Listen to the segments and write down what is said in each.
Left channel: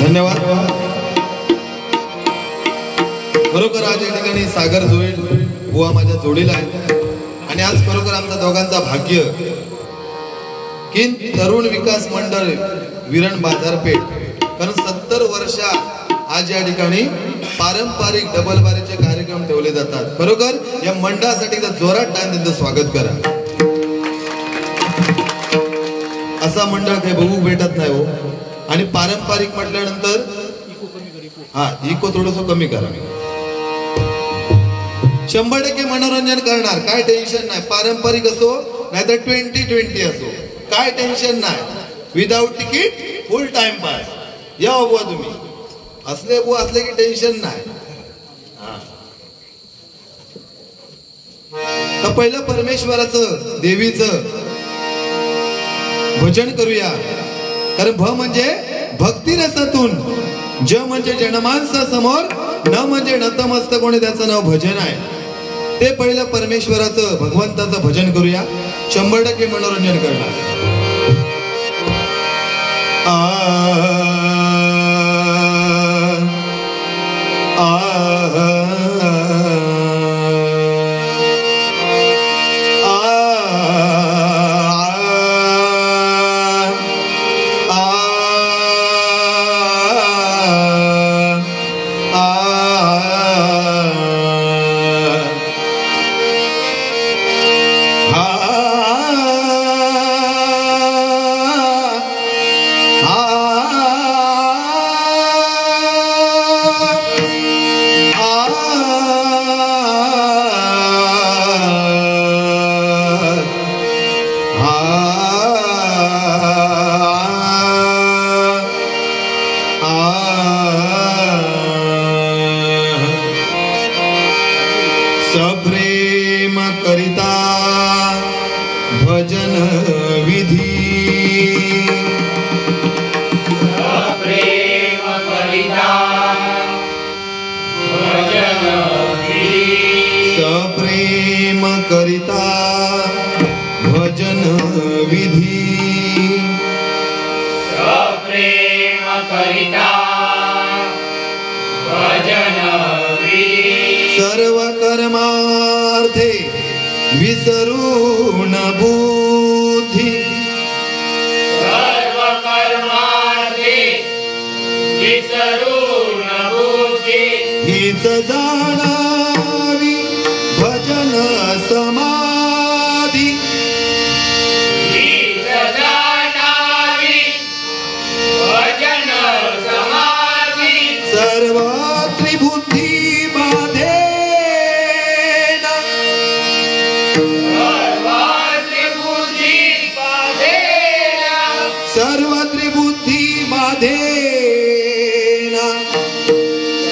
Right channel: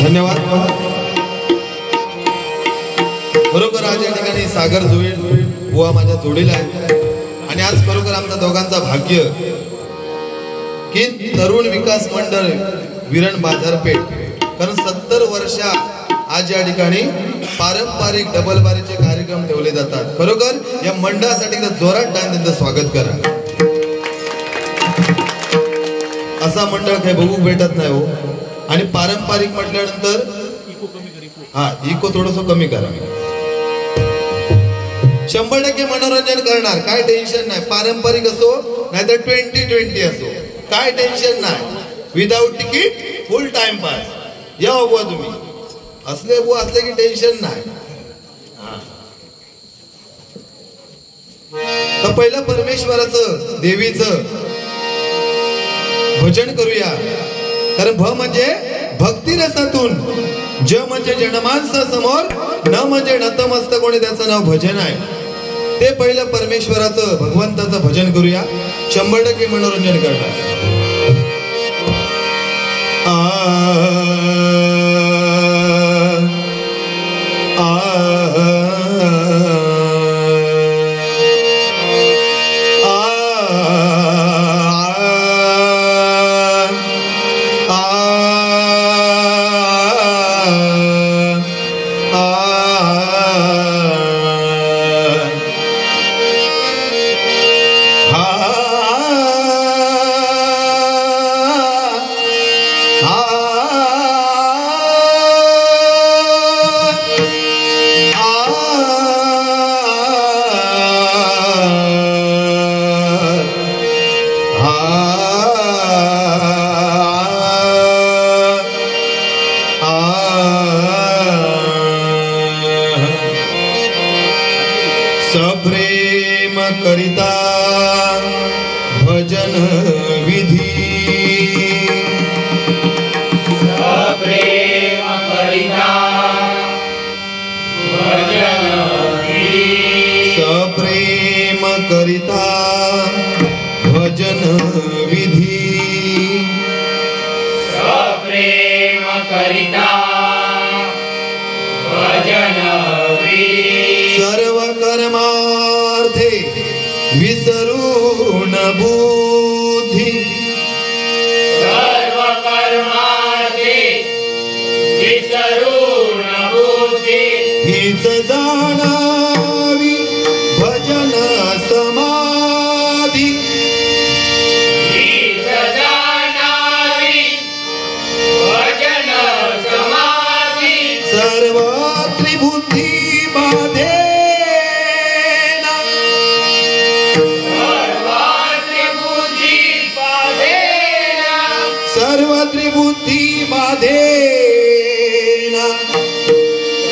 धन्यवाद. खरोखर आज या ठिकाणी सागर जोईल बुवा माझ्या जोडीला आहे आणि आज खरोखर आमच्या दोघांचा भाग्य की तरुण विकास मंडळ विरण बाजारपेठ कारण 70 वर्षा आज या ठिकाणी पारंपरिक डबलबारीचे कार्यक्रम ठेवले जातात. खरोखर या मंडळासाठी जोरात टाइम त्यांचं स्वागत करा. असा मंडळ काही बघू भेटत नाही हो. आणि पारंपरिक म्हटल्यानंतर इको थोडस कमी करा. 100% मनोरंजन करणार, काय टेन्शन नाही. पारंपरिक असो नाहीतर 2020 असो, काय टेन्शन नाही. विदाऊट तिकीट फुल टाइम पास. या बुवा तुम्ही असले बुवा असले की टेन्शन नाही. तर पहिलं परमेश्वराचं देवीचं भजन करूया. कारण भ म्हणजे भक्ती रसातून, ज म्हणजे जनमानसा समोर, न म्हणजे नतमस्तक कोणी त्याचं नाव भजन आहे. ते पहिलं परमेश्वराचं भगवंताचं भजन करूया. 100% मनोरंजन करणार. सप्रेम करिता भजन विधी, सप्रेम करिता भजन विधी, सप्रेम करिता भजन विधी, सप्रेम करिता भजन विधी, सर्व कर्मार्थे विसरून बुद्धी, सर्व कर्मार्थे विसरून बुद्धी, हीच जाणावी भजन समाधी, हीच जाणावी भजन समाधी, सर्व त्रिबुद्धी बाधे, सर्व त्रिबुद्धी बाधेना,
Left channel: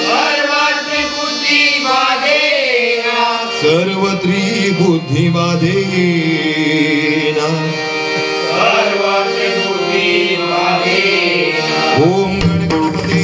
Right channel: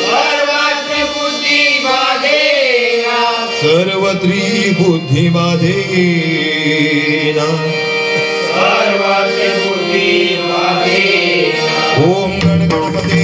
सर्व त्रिबुद्धी बाधेना, सर्व त्रिबुद्धी बाधेना, सर्व त्रिबुद्धी बाधेना. ओम गणपते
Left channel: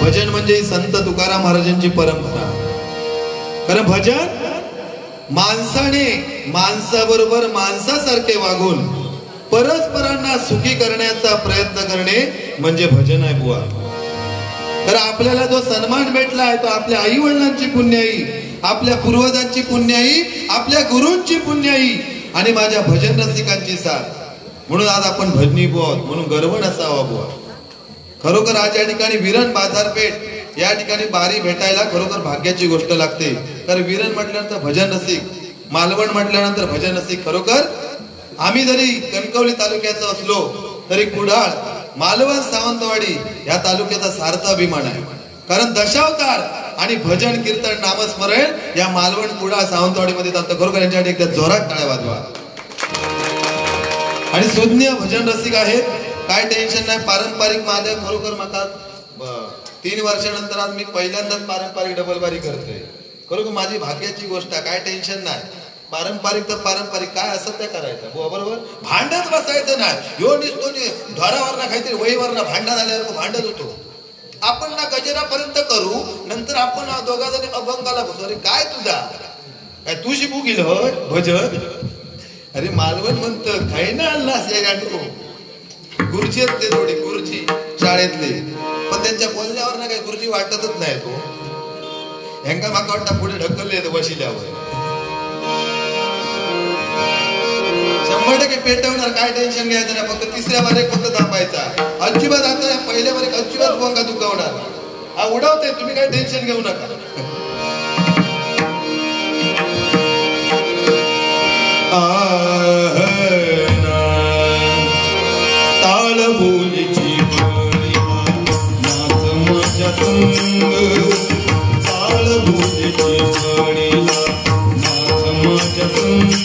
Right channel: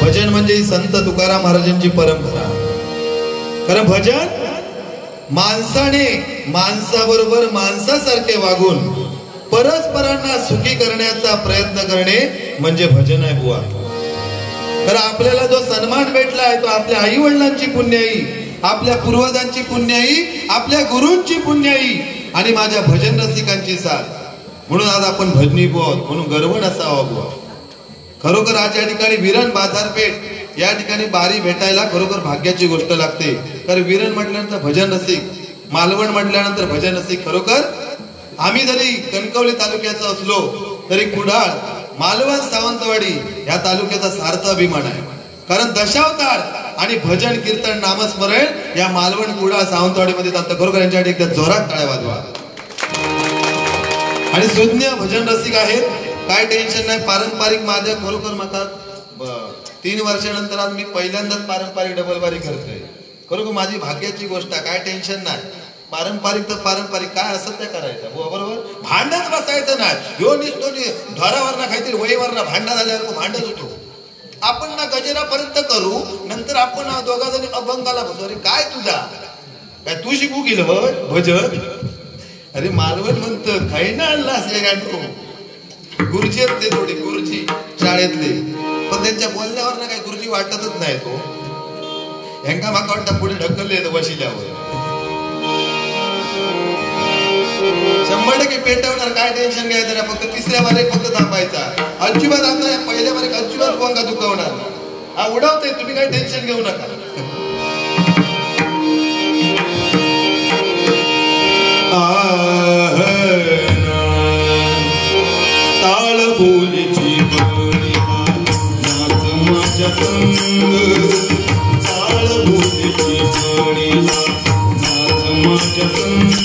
भजन म्हणजे संत तुकाराम महाराजांची परंपरा. कारण भजन माणसाने माणसाबरोबर माणसासारखे वागून परस्परांना सुखी करण्याचा प्रयत्न करणे म्हणजे भजन आहे बुवा. कारण आपल्याला जो सन्मान भेटला आहे तो आपल्या आई वडिलांची पुण्याई, आपल्या पूर्वजांची पुण्याई, आपल्या गुरूंची पुण्याई आणि माझ्या भजन रसिकांची साथ. म्हणून आज आपण भजनी बुवा म्हणून गर्व नसावा बुवा. खरोखर आज या ठिकाणी विरण बाजारपेठ या ठिकाणी बारी भेटायला खरोखर भाग्याची गोष्ट लागते. कारण विरण म्हटल्यानंतर भजन रसिक, मालवण म्हटल्यानंतर भजन रसिक. खरोखर आम्ही जरी कणकवली तालुक्याचा असलो तरी कुडाळ, मालवण, सावंतवाडी या तालुक्याचा सार्थ अभिमान आहे. कारण दशावतार आणि भजन कीर्तन नामस्मरण या मालवण, कुडाळ, सावंतवाडीमध्ये चालतं. खरोखर यांच्यासाठी एकदा जोरात टाळ्या वाजवा. आणि सुज्ञ भजन रसिक आहेत, काय टेन्शन नाही. पारंपरिक माझ्या खरोखर मका 3 वर्षानंतर आज मी पहिल्यांदाच पारंपरिक डबलबारी करतोय. खरोखर माझी भाग्याची गोष्ट आहे, काय टेन्शन नाही. पारंपरिक तर पारंपरिक काय असं ते करायचं बरोबर. भांडत बसायचं नाही. ह्यो निसतो धरावरना काहीतरी वहीवरना भांडण झाल्यावर भांडत होतो. आपण ना गजेरापर्यंत करू, नंतर आपण दोघा जणी अभंगाला बसू. अरे काय तुझा काय तू शिकू गेलं होय भजन. अरे मालवण म्हणतं काही ना आणलास या गांडू. गुरुजी आहेत ते थोडी गुरुजी शाळेतले, पण त्यांच्या बोलण्यावर ना काही गुरुजी वाटतच नाही. तो ह्यांका माका वाटतं पुढे ढकलले वशिल्यावर 100% पेटवणार. काय टेन्शन घ्यायचं ना. फक्त तिसऱ्या बारीक फक्त थांबायचा. अजिबात आता पहिल्या बारीक अजिबात भुवंगा दुखवणार. हा उडवते, तुम्ही काही टेन्शन घेऊ नका. ताळ बोलीची माझ्या संग, ताळ बोलीची माझ्या संग.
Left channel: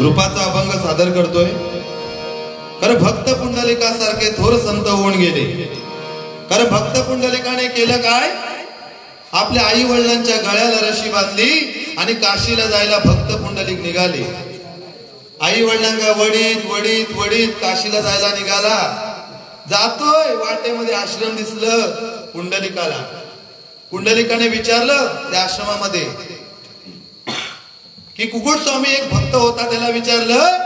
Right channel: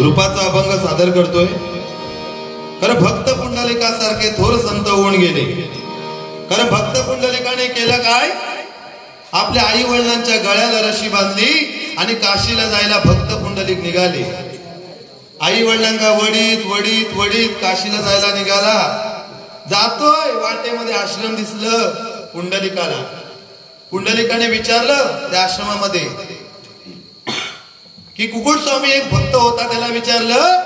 रूपाचा अभंग सादर करतोय. खरं भक्त पुंडलिकासारखे थोर संत होऊन गेले. खरं भक्त पुंडलिकाने केलं काय? आपल्या आई वडिलांच्या गळ्याला रशी बांधली आणि काशीला जायला भक्त पुंडलिक निघाले. आई वडिलांना वडीत वडीत वडीत काशीला जायला निघाला. जातोय वाटेमध्ये आश्रम दिसलं पुंडलिकाला. पुंडलिकाने विचारलं त्या आश्रमामध्ये की कुकुट स्वामी एक भक्त होता, त्याला विचारलं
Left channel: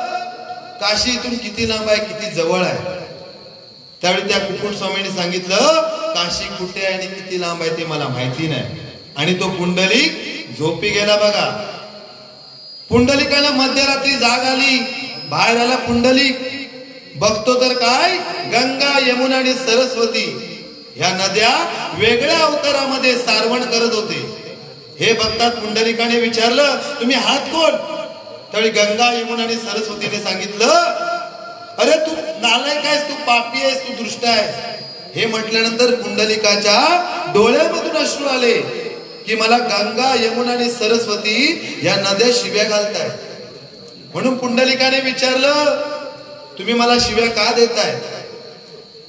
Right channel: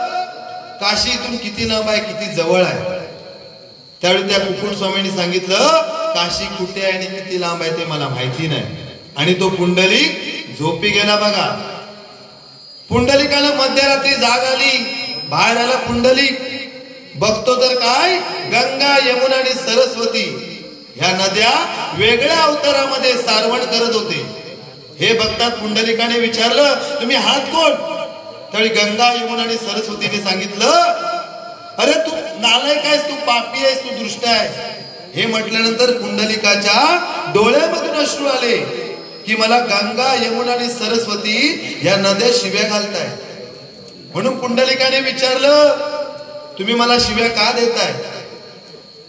काशी इथून किती लांब आहे, किती जवळ आहे. त्यावेळी त्या कुकुट स्वामींनी सांगितलं काशी कुठे आहे आणि किती लांब आहे ते मला माहिती नाही. आणि तो पुंडलिक झोपी गेला. बघा, पुंडलिकाला मध्यरात्री जाग आली. बाहेर आला पुंडलिक. बघतो तर काय, गंगा यमुना आणि सरस्वती ह्या नद्या वेगळ्या अवतारामध्ये सारवण करत होते. हे बघतात पुंडलिकाने विचारलं तुम्ही हात कोण? त्यावेळी गंगा यमुना आणि सरस्वतीने सांगितलं अरे तू नालायक आहेस, तू पापी आहेस, तू दुष्ट आहेस. हे म्हटल्यानंतर पुंडलिकाच्या डोळ्यामधून अश्रू आले की मला गंगा यमुना आणि सरस्वती या नद्या शिव्या घालताय. म्हणून पुंडलिकाने विचारलं तुम्ही मला शिव्या का देताय?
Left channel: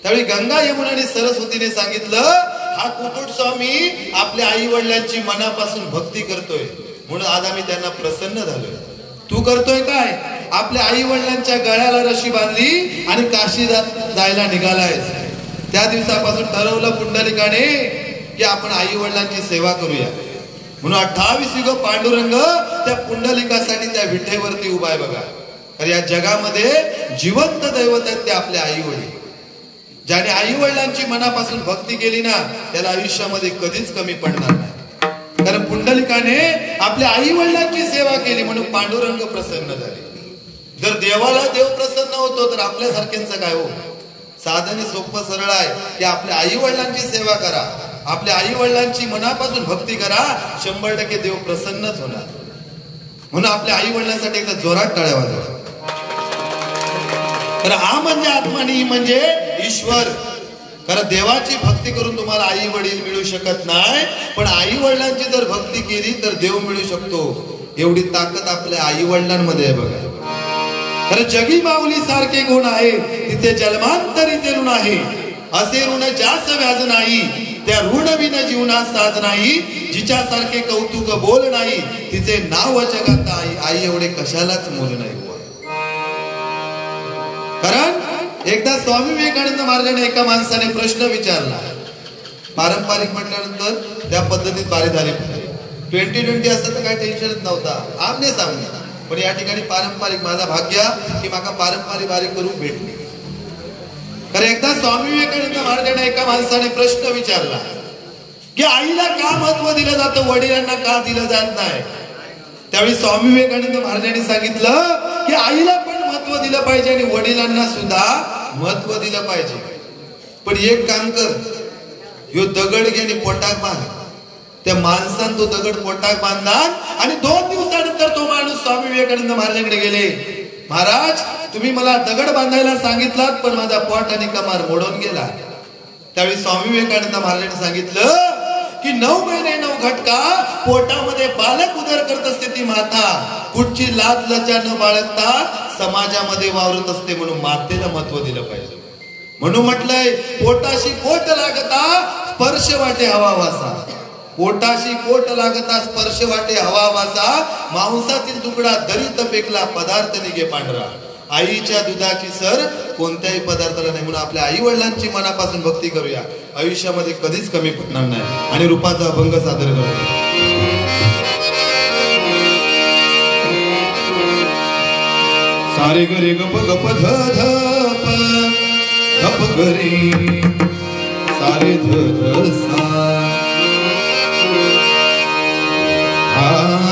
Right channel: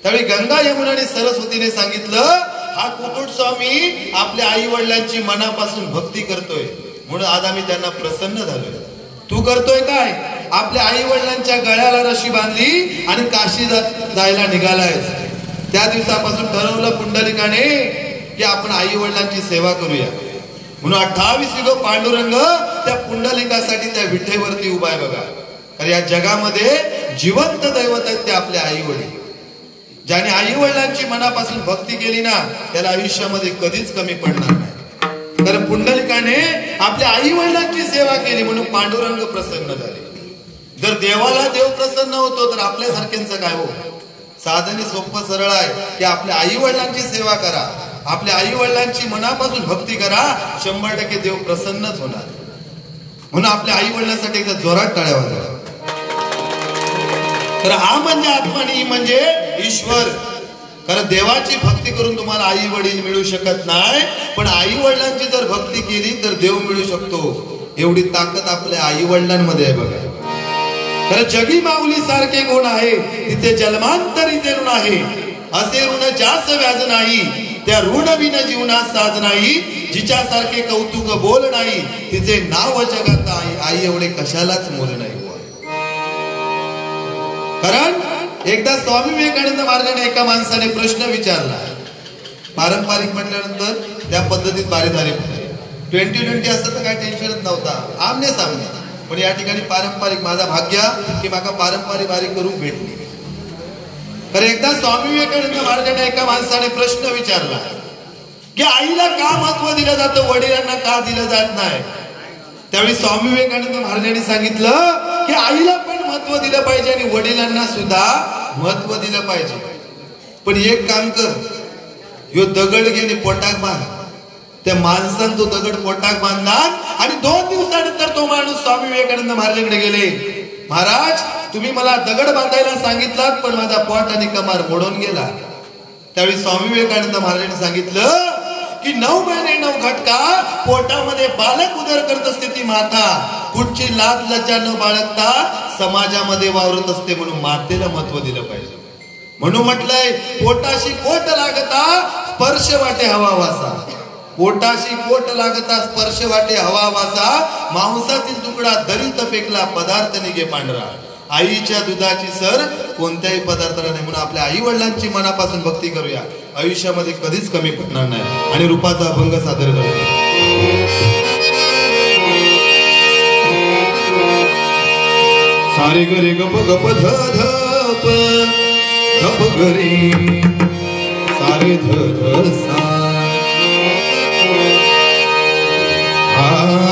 त्यावेळी गंगा यमुना आणि सरस्वतीने सांगितलं हा कुकुट स्वामी आपल्या आई वडिलांची मनापासून भक्ती करतोय, म्हणून आज आम्ही त्यांना प्रसन्न झालोय. तू करतोय काय? आपल्या आई वडिलांच्या गळ्याला रशी बांधली आणि काशी जायला निघालाय. त्या दिवसापासून ठरवलं पुंडलिकाने की आपण आई वडिलांची सेवा करूया. म्हणून 28 युग पांडुरंग त्या पुंडलिकासाठी त्या विठेवरती उभा आहे. बघा, तर या जगामध्ये जिवंत दैवत आहेत ते आपले आई वडील. ज्याने आई वडिलांची मनापासून भक्ती केली ना त्याला आयुष्यामध्ये कधीच कमी पडणार नाही. कारण पुंडलिकाने आपल्या आई वडिलांची सेवा केली म्हणून पांडुरंग प्रसन्न झाले. जर देवाला देव प्रसन्न होतो तर आपल्यासारख्यांचं काय हो? साधने सोपं सरळ आहे की आपल्या आई वडिलांची सेवा करा, आपल्या आई वडिलांची मनापासून भक्ती करा, 100% देव प्रसन्नच होणार. म्हणून आपल्या आई वडिलांसाठी एकदा जोरात टाळ्या वाजवा. तर हा म्हणजे आत्मा आणि म्हणजे ईश्वर. कारण देवाची भक्ती करून तुम्हाला आई वडील मिळू शकत नाही, पण आई वडिलांची जर भक्ती केली तर देव मिळू शकतो. एवढी ताकद आपल्या आई वडिलांमध्ये आहे. बघा, तर जगी माऊली सारखे गुण आहे तिथे जन्मांतरी ते ऋण आहे. असे ऋण जास्त व्याज नाही त्या ऋण विन जीवनात साध नाही. जिच्यासारखे कौतुक बोल नाही तिचे नाव जगात आई. आई एवढे कशालाच मोल नाही. कारण एकदा स्वामी विवेकानंद महाराजांनी एका माणसाने प्रश्न विचारला. पारंपरिक म्हटल्यानंतर त्या पद्धतीत बारीधारी 2020 असतं तर काय टेन्शनच नव्हता, आमने सामने. पण या ठिकाणी पारंपरिक माझा भाग्य की माका पारंपरिक बारी करून भेटली. कारण एकदा स्वामी विवेकानंद महाराजांना एका माणसाने प्रश्न विचारला की आईला का महत्व दिलं जातं, वडिलांना का दिलं जात नाही. त्यावेळी स्वामी विवेकानंद महाराजांनी सांगितलं की आईला पण महत्व दिलं पाहिजे आणि वडिलांना सुद्धा महत्व दिलं पाहिजे. पण एक काम कर, ह्यो दगड घे आणि पोटाक बांध. त्या माणसानं तो दगड पोटाक बांधणार आणि 2 दिवसानंतर तो माणूस स्वामी विवेकानंद महाराजांकडे गेले. महाराज तुम्ही मला दगड बांधायला सांगितलात पण माझा पोट आणि कमार मोडून गेला. त्यावेळी स्वामी विवेकानंद महाराजांनी सांगितलं की 9 महिने 9 घटका पोटामध्ये बालक उदर करत असते ती माता. कुठची लाज लज्जा न बाळगता समाजामध्ये वावरत असते, म्हणून मातेला महत्व दिलं पाहिजे. म्हणून म्हटलंय पोटाशी पोट लागता स्पर्श वाटे हवा वासा. पोटाशी पोट लागता स्पर्श वाटे हवा वासा. मांसातील तुकडा दरीत पेकला पदार्थ निघे पांढरा. आईच्या दुधाची सर कोणत्याही पदार्थाला नाही. म्हणून आपल्या आई वडिलांची मनापासून भक्ती करूया, आयुष्यामध्ये कधीच कमी पडणार नाही. आणि रूपाचा अभंग सादर करूया. सारे गरे गप गप ध धप धप गरे सारे ध ध सा. Ah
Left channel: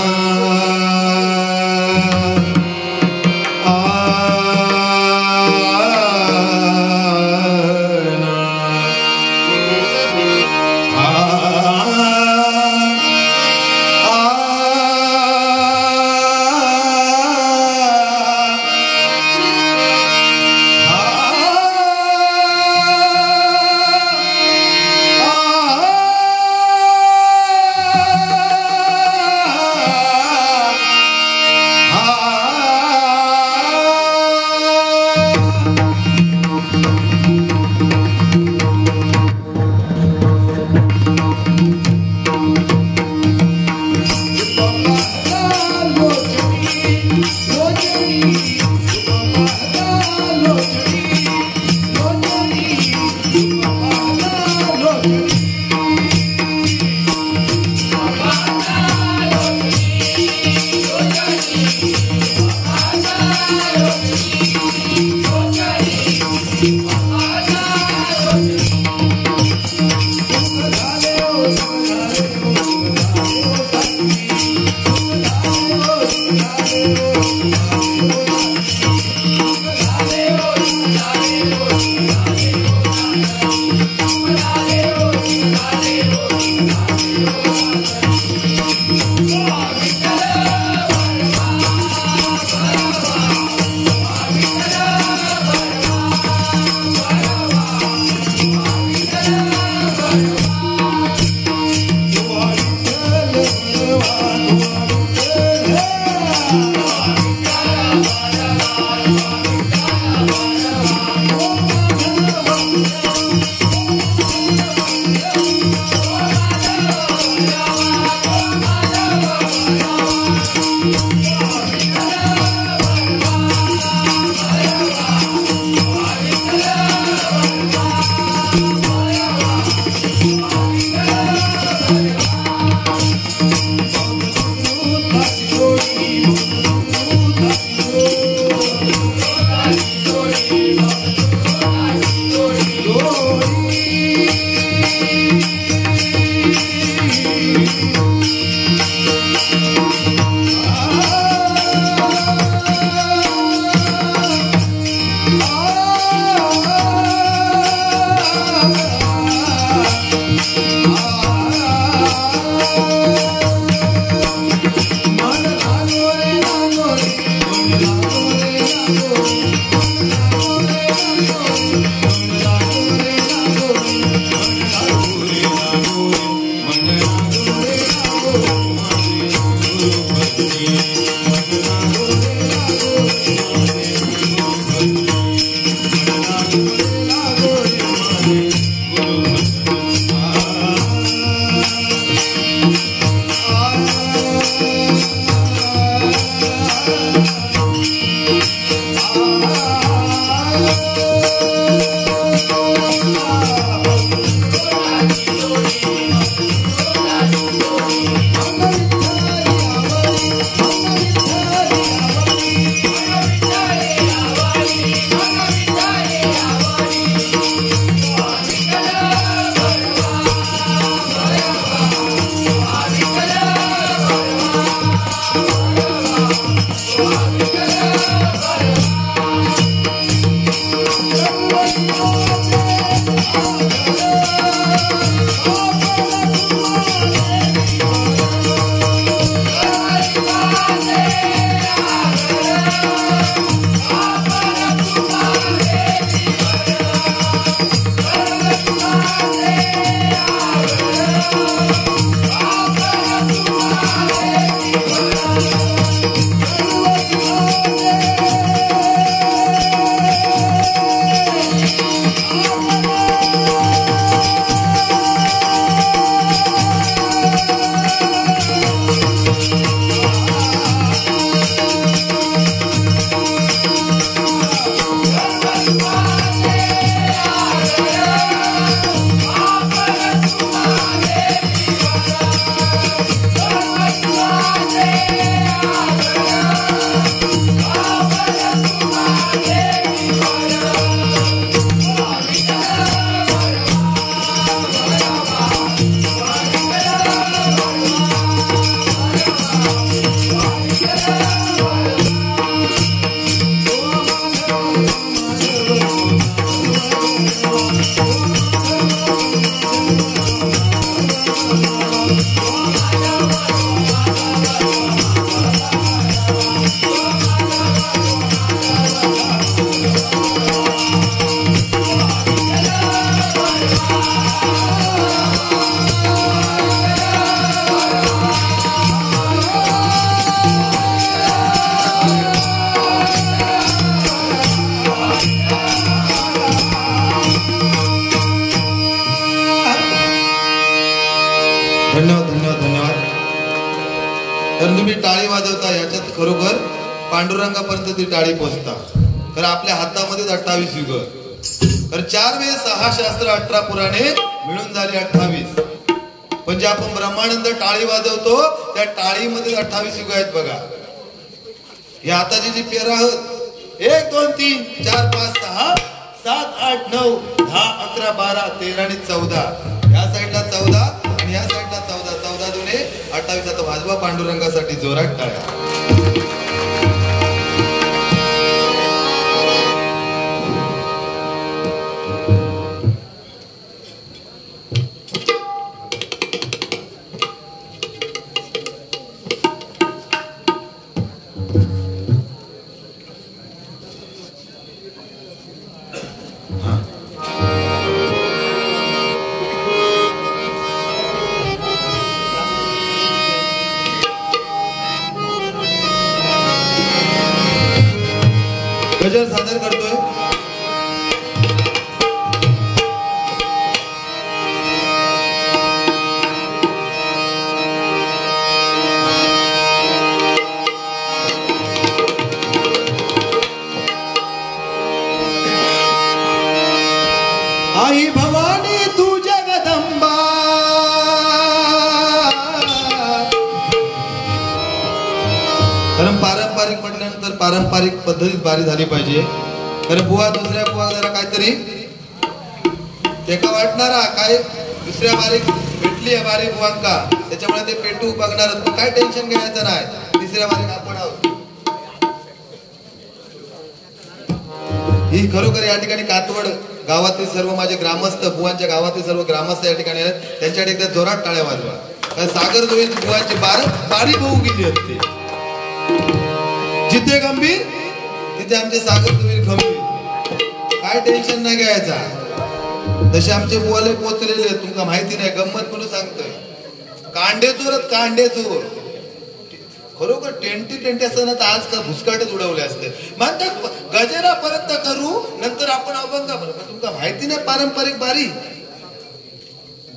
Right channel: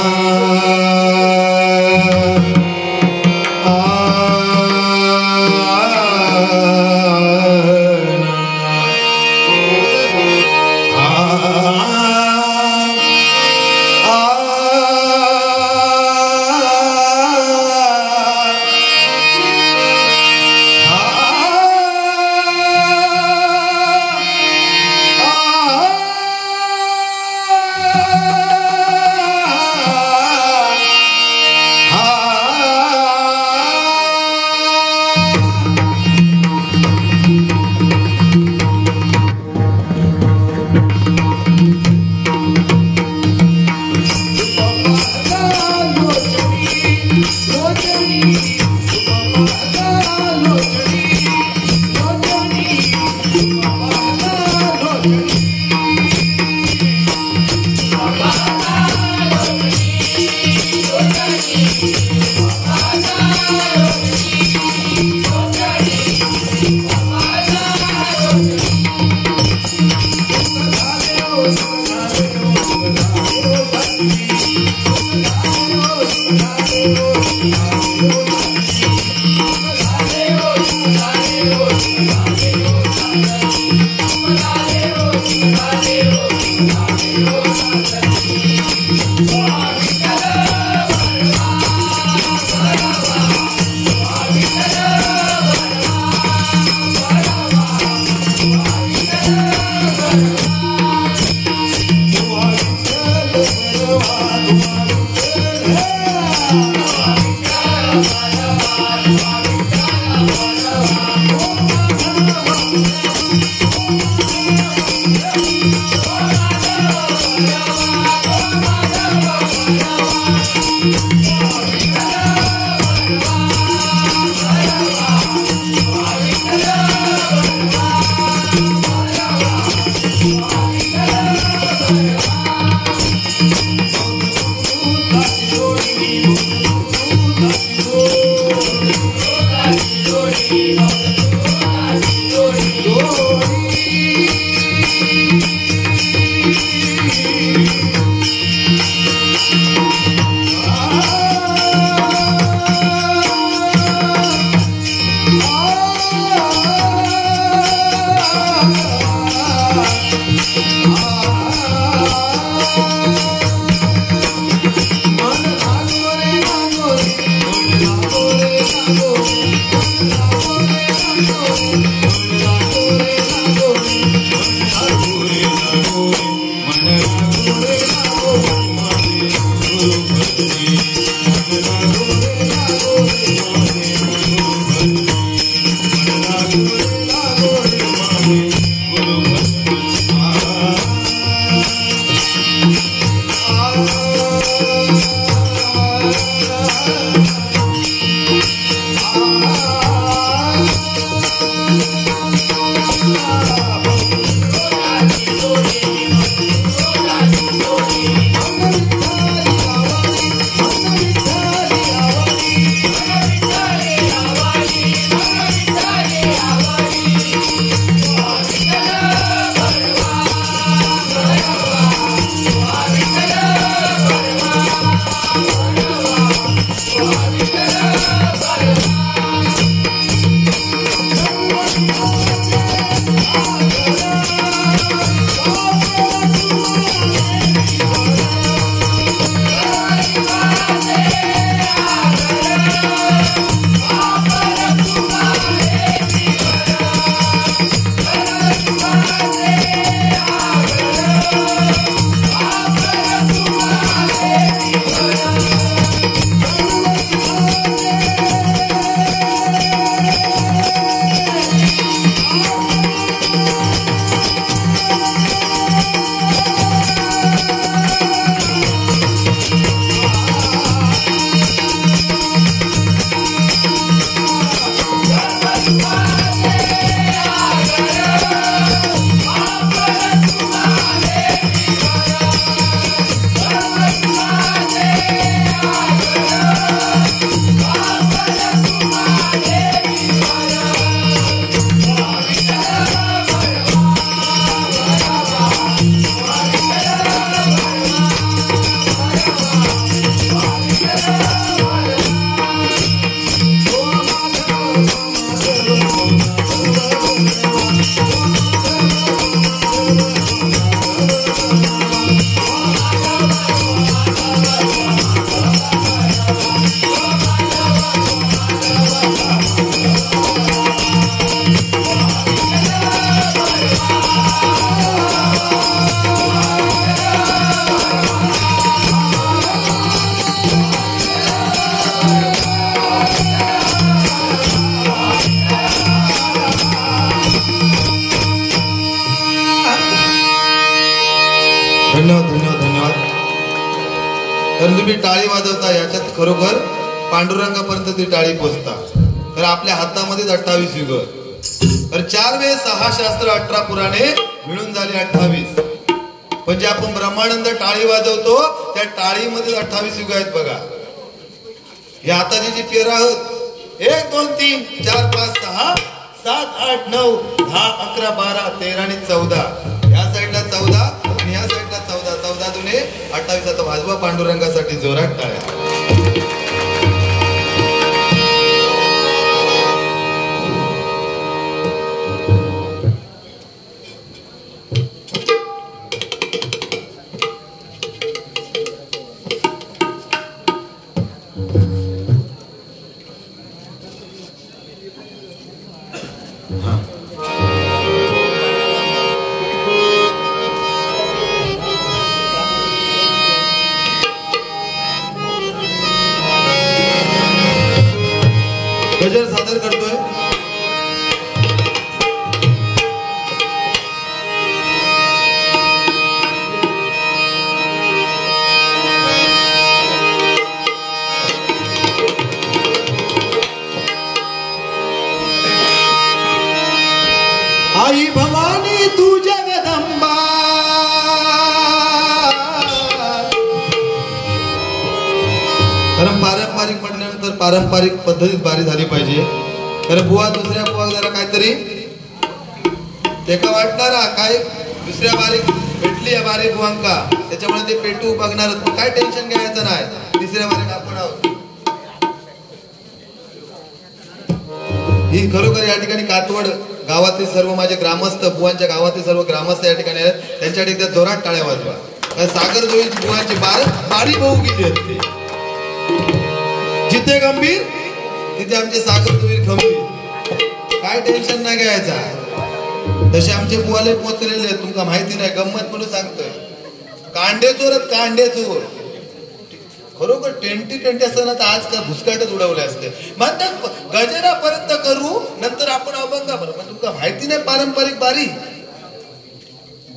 धन्यवाद धन्यवाद धन्यवाद. तर तुम्ही टाळी वाजवता याच्यात खरोखर पांडुरंगापर्यंत ती टाळी पोहोचता. कारण आपल्या हातामध्येच 28 युग. कारण 4 वेद 6 शास्त्र 18 पुराणे मिळून झाली 28. पण जे आपण ब्रह्मानंद टाळी वाजवतो त्या टाळीमध्ये 28 युग आहेत बघा. या हाताची जी पेर आहोत 1 2 3 4 5 6 7 8 9 10 11 12 13 आणि 14. या साईडला 14 आणि या साईडला 14. 14 दुने 28. आता वाजवा पांडुरंगासाठी जोरात टाळ्या. गजर सादर करतोय. आई भवानी तू जगदंबा कारण पारंपरिक म्हटल्यानंतर पारंपरिक पद्धतीत बारी झाली पाहिजे. कारण बुवा दुसऱ्या बुवा जरा काहीतरी तेका वाटणारा काय दुसऱ्या बारीक भेटली आहे बारी बुवांका त्याच्यामुळे ते पेटू बघणार काय टेन्शन घ्यायचं नाही. तिसऱ्या बारीक आपण आहोत. ही खरोखर या ठिकाणी कातवड गावातील सर्व माझे ग्रामस्थ बुवांच्या गावातील सर्व ग्रामस्थ या ठिकाणी आहेत. त्यांच्यासाठी एकदा जोरात टाळ्या वाजवा. सागर जोळी बुवांची बारी भाऊ किती असते. जिथे गंभीर तिथे आमचे सागर जोळी गंभीर. काय टेन्शन नाही घ्यायचा. तसे आमचे बुवाले पोचलेले तुमका माहिती नाही. गंमत म्हणून सांगतोय कांडे चोरत कांडे चोर खरोखर टेंटी असताना तर आज का भुसकाटच उडवले असते. म्हणतात गजरापर्यंत करू नंतर आपण अभंग पण तुमका माहिती नाही पारंपरिक बारी.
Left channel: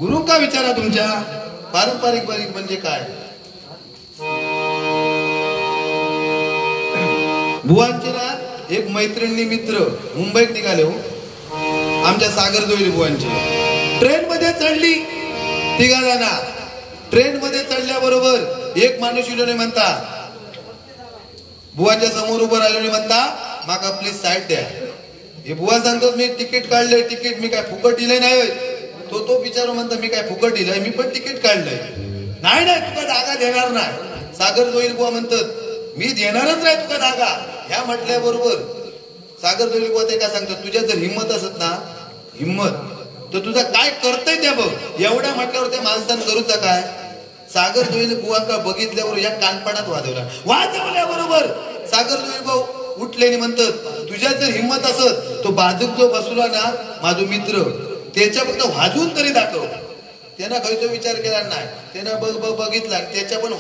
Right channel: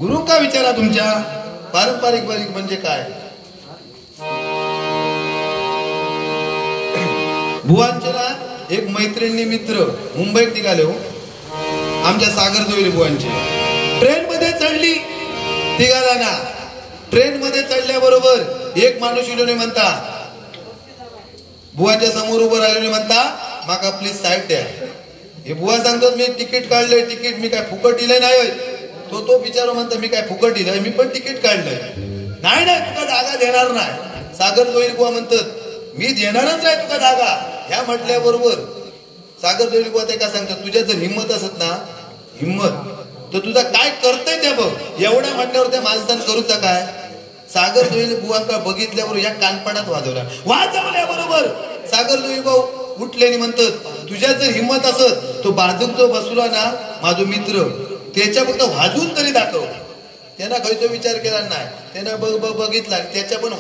गुरु का विचारा तुमच्या पारंपरिक बारी म्हणजे काय. बुवांचे ना एक मैत्रिणी मित्र मुंबईत निघाले हो आमच्या सागर जोळी बुवांची. ट्रेन मध्ये चढली तिघा जणा. ट्रेन मध्ये चढल्याबरोबर एक माणूस इलोने म्हणता बुवाच्या समोर उभं राहिलो म्हणता माका प्लीज साईड द्या. हे बुवा सांगतात मी तिकीट काढलंय. तिकीट मी काय फुकट दिलंय नाही. तो बिचारो म्हणता मी काय फुकट दिलंय मी पण तिकीट काढलंय. नाही तुका जागा देणार नाही. सागर जोळी बुवा म्हणतात मी देणारच नाही तुका जागा. ह्या म्हटल्याबरोबर सागर जोळी बुवा ते का सांगतात तुझ्या जर हिंमत असत ना हिंमत तर तुझा काय करतय ते बघ. एवढ्या म्हटल्यावर त्या माणसानं करूचा काय. सागर जोळी बुवांका बघितल्यावर या कानपणात वाजवल्याबरोबर सागर जोळी भाऊ उठले आणि म्हणतात तुझ्या जर हिंमत असत तो बाजूक जो बसला ना माझा मित्र त्याच्या फक्त वाजवून तरी दाखव. त्यांना खयचा विचार केला नाही. त्यानं बघितला त्याच्या पण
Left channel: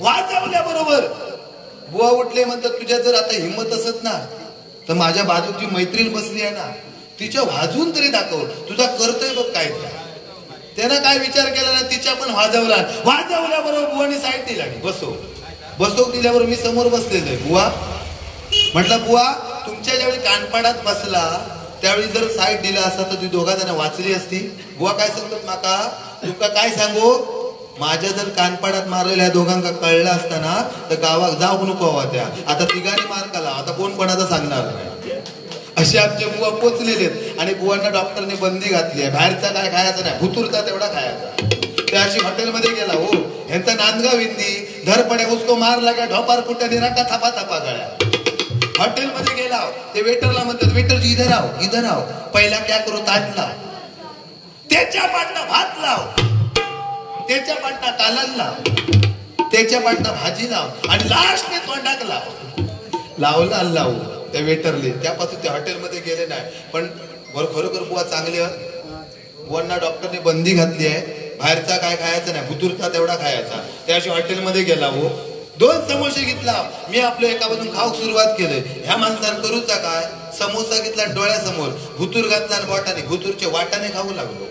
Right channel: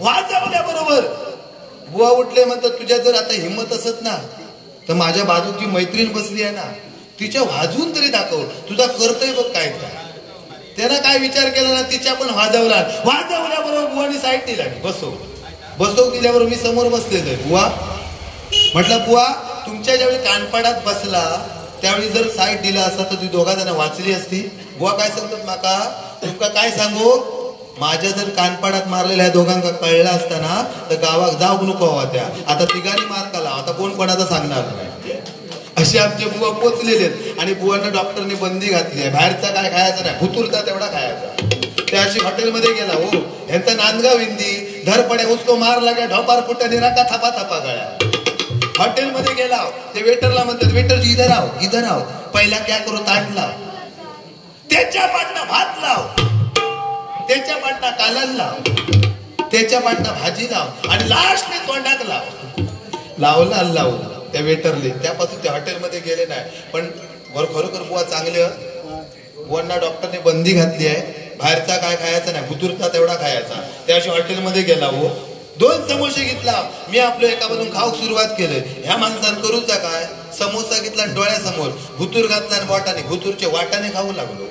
वाजवल्याबरोबर बुवा उठले म्हणतात तुझ्या जर आता हिंमत असत ना तर माझ्या बाजूची मैत्रीण बसली आहे ना तिच्या वाजवून तरी दाखव तुझा करतोय बघ काय. त्यानं काय विचार केला ना तिच्या पण वाजवल्याबरोबर बुवानी साईड दिला. बसव दिल्याबरोबर मी समोर बसलेलो आहे. बुवा म्हटलं बुवा तुमच्या ज्यावेळी कानपाडात बसला त्यावेळी जर साईड दिला असता तर ती दोघा जण वाचली असती. बुवा काय सांगतात माका तुका काय सांगू माझ्या जर कानपाडात मारलेल्या दोघांका कळला असताना तर गावात जाऊ नको हवा. त्या आता तिघांनी मार काला आता कोण कोणाचा सांगणार नाही. असे आमचे बुवा पोचलेले आहेत. आणि बुवांना डॉक्टरने बंदी घातली आहे. बाहेरचा काय खायचा नाही भुतूरचा तेवढा खायचा. त्या अशी हॉटेलमध्ये गेला हो ह्यांचा नांदगाव हिंदी धरपड्या उसको मार लागा ढोपार फुट्या निराका थापा थापा गळ्या. हॉटेलमध्ये गेला ते वेटरला म्हणतात वेटर इधर आओ पहिला क्या करो ताट लाव. त्याच्या पाटणा भात लाव. त्याच्या पाटणा कालद लाव. त्याच्या पाटणा भाजी लाव आणि लास्ट ने तोंडाक लावला लावू त्या वेटरले. त्यापासून ते हॉटेलमध्ये गेले नाही. पण खरोखर बुवा चांगले बुवांना डॉक्टरने बंदी घातली आहे. बाहेरचा काय खायचा नाही भुतूरचा तेवढा खायचा. त्याशी हॉटेलमध्ये गेला हो 2 समोसे घेतला. मी आपलं एका बाजून खाऊक सुरुवात केलं. ह्या माणसानं करूचा काय समोसा घेतला डोळ्यासमोर भुतूर घातला आणि बोटाने भुतूरचे वाटाने खाऊ लागलो.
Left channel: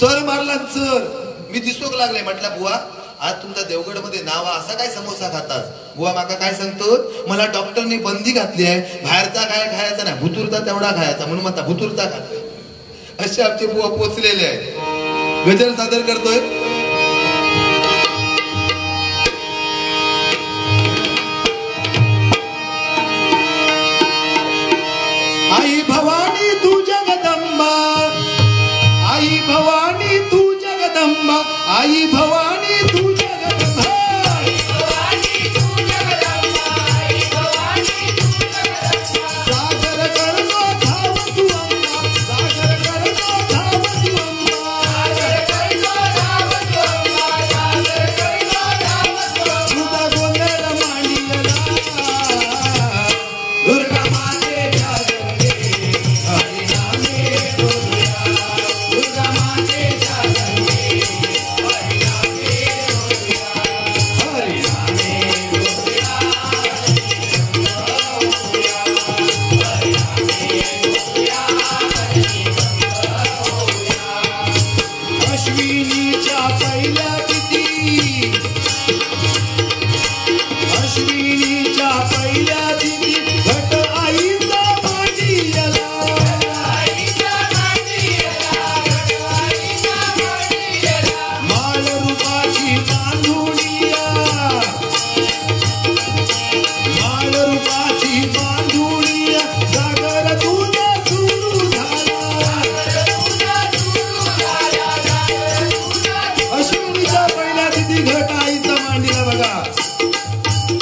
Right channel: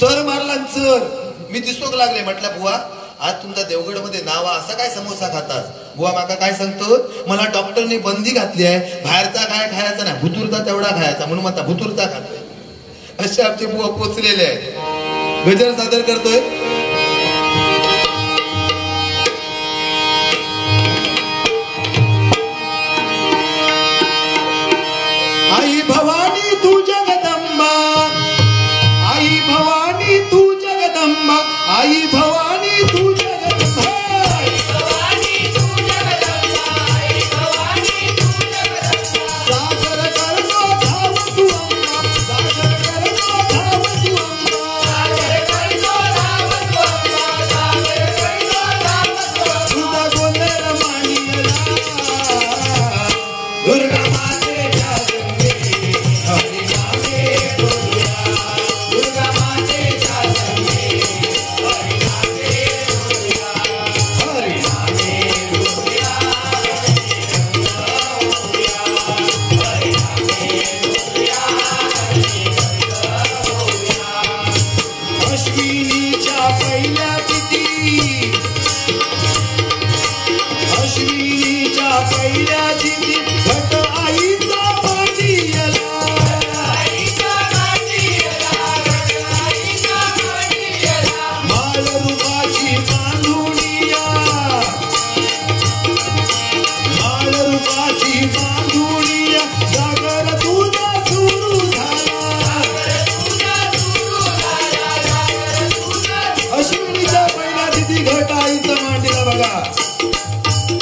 सर मारला सर मी दिसोक लागले. म्हटलं बुवा आज तुमचा देवगडमध्ये नाव असा काय समोसा खातात बुवा माका काय सांगतो मला डॉक्टरनी बंदी घातली आहे बाहेरचा काय खायचा नाही भुतुरचा तेवढा खायचा म्हणून म्हणता भुतुरचा खातोय असे आमचे बुवा पोचलेले आहेत गजर सादर करतोय आई भवानी तू जगदंबा आई भवानी तू जगदंबा आई भवानी तू जगदंबा आई भवानी तू जगदंबा आई भवानी तू जगदंबा सागर करतो धाव तू अम्मा सागर करतो धाव तू अम्मा सागर करतो धाव तू अम्मा सागर करतो धाव तू तुझा गोंधळ मांडियला दुर्गा मातेच्या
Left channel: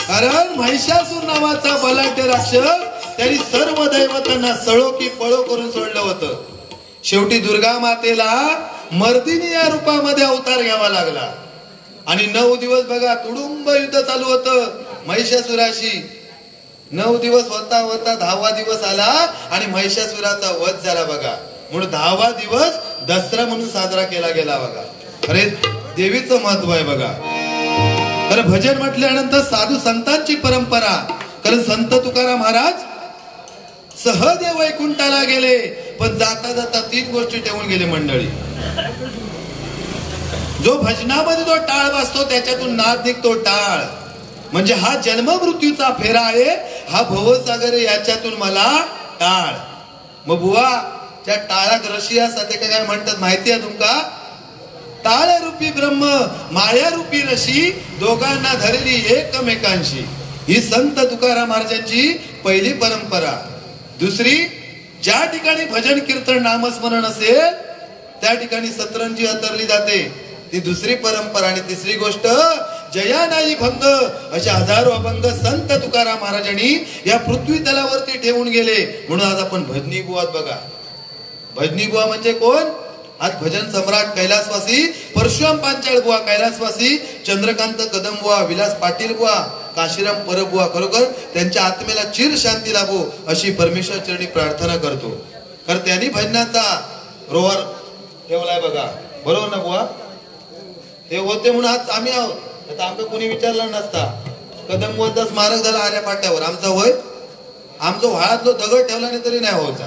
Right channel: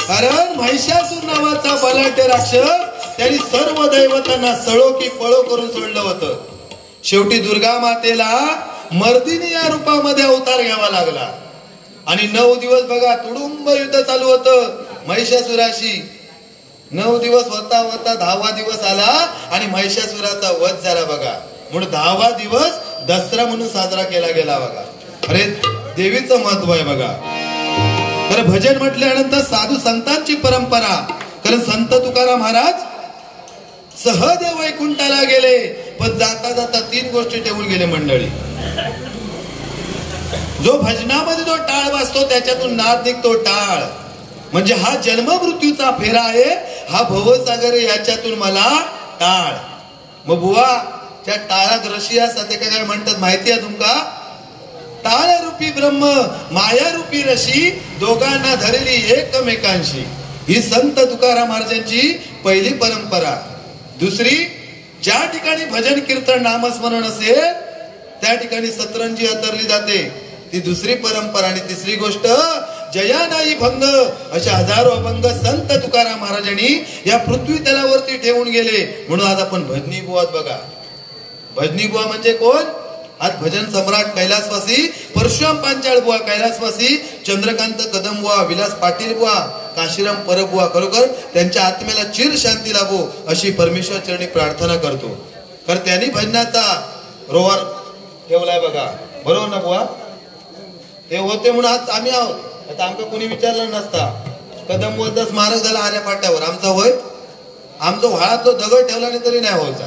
कारण महिषासूर नावाचा बलाढ्य राक्षस त्यांनी सर्व दैवतांना सळो की पळो करून सोडलं होतं शेवटी दुर्गा मातेला मर्दिनी या रूपामध्ये अवतार घ्यावा लागला आणि 9 दिवस बघा तुडुंब युद्ध चालू होतं महिषासुराशी 9 दिवस होता होता 10वा दिवस आला आणि महिषासुराचा वध झाला बघा म्हणून 10वा दिवस दसरा म्हणून साजरा केला गेला बघा अरे देवीचं महत्व आहे बघा तर भजन म्हटल्यानंतर साधू संतांची परंपरा कारण संत तुकाराम महाराज सहदेव वैकुंठाला गेले पण जाता जाता 3 गोष्टी ठेवून गेले मंडळी जो भजनामध्ये जो टाळ वाजतो त्याच्यातून नाद निघतो टाळ म्हणजे हा जन्म मृत्यूचा फेरा आहे हा भवसागर याच्यातून मला टाळ मग बुवा त्या टाळात रशिया सध्या काय म्हणतात माहिती आहे तुमका टाळ रूपी ब्रह्म माया रूपी रशी दोघांना धरली एकमेकांशी ही संत तुकाराम महाराजांची पहिली परंपरा दुसरी ज्या ठिकाणी भजन कीर्तन नामस्मरण असेल त्या ठिकाणी सतरंजी अंतरली जाते ती दुसरी परंपरा आणि तिसरी गोष्ट जया नाही भंग अशा हजारो अभंग संत तुकाराम महाराजांनी या पृथ्वी तलावरती ठेवून गेले म्हणून आज आपण भजनी बुवा बघा भजनी बुवा म्हणजे कोण आज भजन सम्राट कैलासवासी परशुराम पांचाळ बुवा कैलासवासी चंद्रकांत कदम बुवा विलास पाटील बुवा काशीराम परबुवा खरोखर त्यांच्या आत्मेला चिर शांती लाभो अशी परमेश्वर चरणी प्रार्थना करतो कारण त्यांनी भजनाचा रोवर ठेवलाय बघा बरोबर ना बुवा ते होते म्हणून आज आम्ही आहोत आता आमचं कोणी विचारलं नसता कदम बुवाचा स्मारक झाला आर्या पाट्यावर आमचा होय आमचा व्हाळातलो दगड ठेवला नाही तरी नाही व्हायचा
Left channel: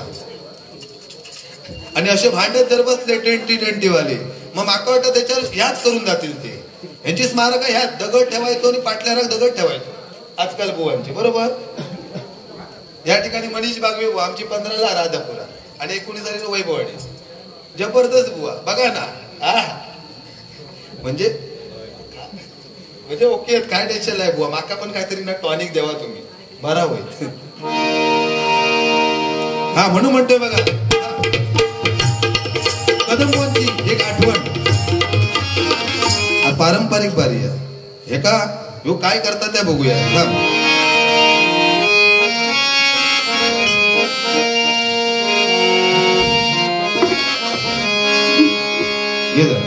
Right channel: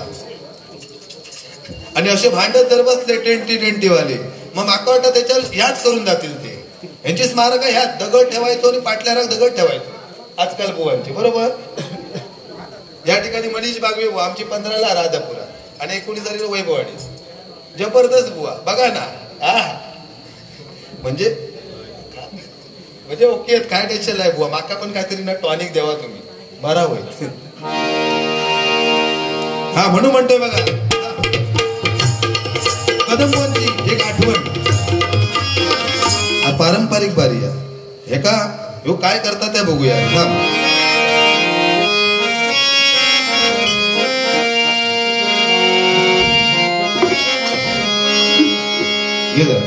आणि असे भांडत जर बसले 2020 वाले मग माका वाटतं त्याच्यावर ह्याच करून जातील ते यांची स्मारक ह्यात दगड ठेवायचो आणि पाटल्याला दगड ठेवायचो आजकाल बुवांची बरोबर या ठिकाणी मनीष बागवे बुवा आमची 15ला राजापुरा आणि 19 वैभववाडी जबरदस्त बुवा बघा ना म्हणजे ओके काय टेन्शन आहे बुवा माका पण काहीतरी ना टॉनिक द्यावा तुम्ही बरा होईल हा म्हणून म्हणतोय बघा कदमवंती एक आठवण पारंपरिक बारी हे का ह्यो काय करता त्या बघूया ये जरा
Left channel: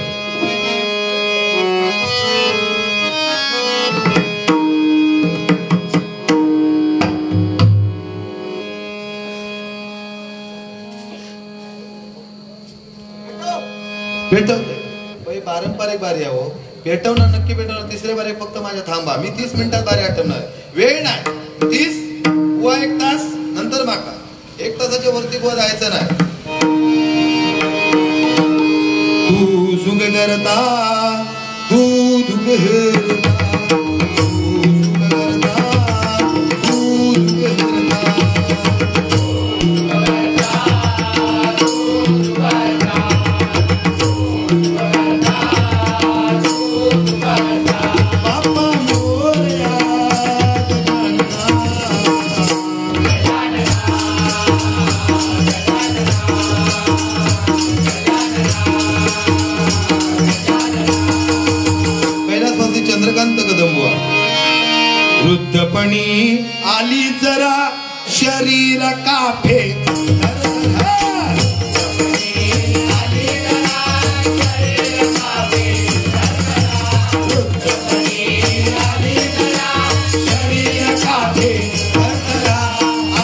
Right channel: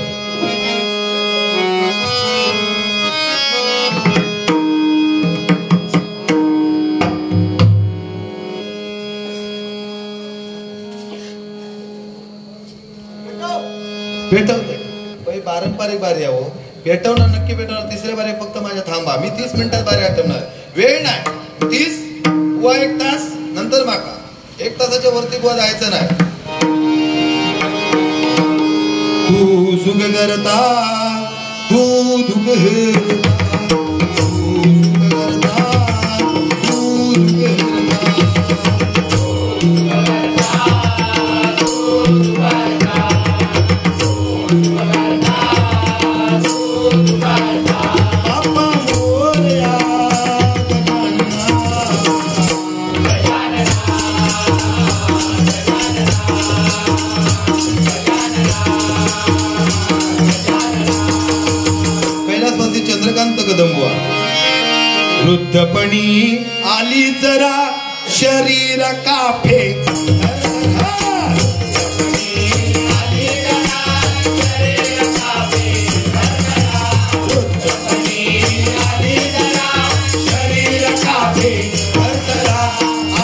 पेटवते पारंपरिक बारी आहे हो पेटवणार नक्की पेटवणार तिसऱ्या बारी फक्त माझ्या थांबा मी 30 मिनिटात बारी आठवणार वेळ नाही 30 बुवा 1 तास नंतर माका 1 तासाच्या वरती बुवा जायचं नाही तू सुग करता दूध घरना, दूध घरना, दूध घरना. बाप्पा मोरया गजानना. कैलासवासी चंद्रकांत कदमबुवा. वृद्धपणी आली जरा शरीर काफे.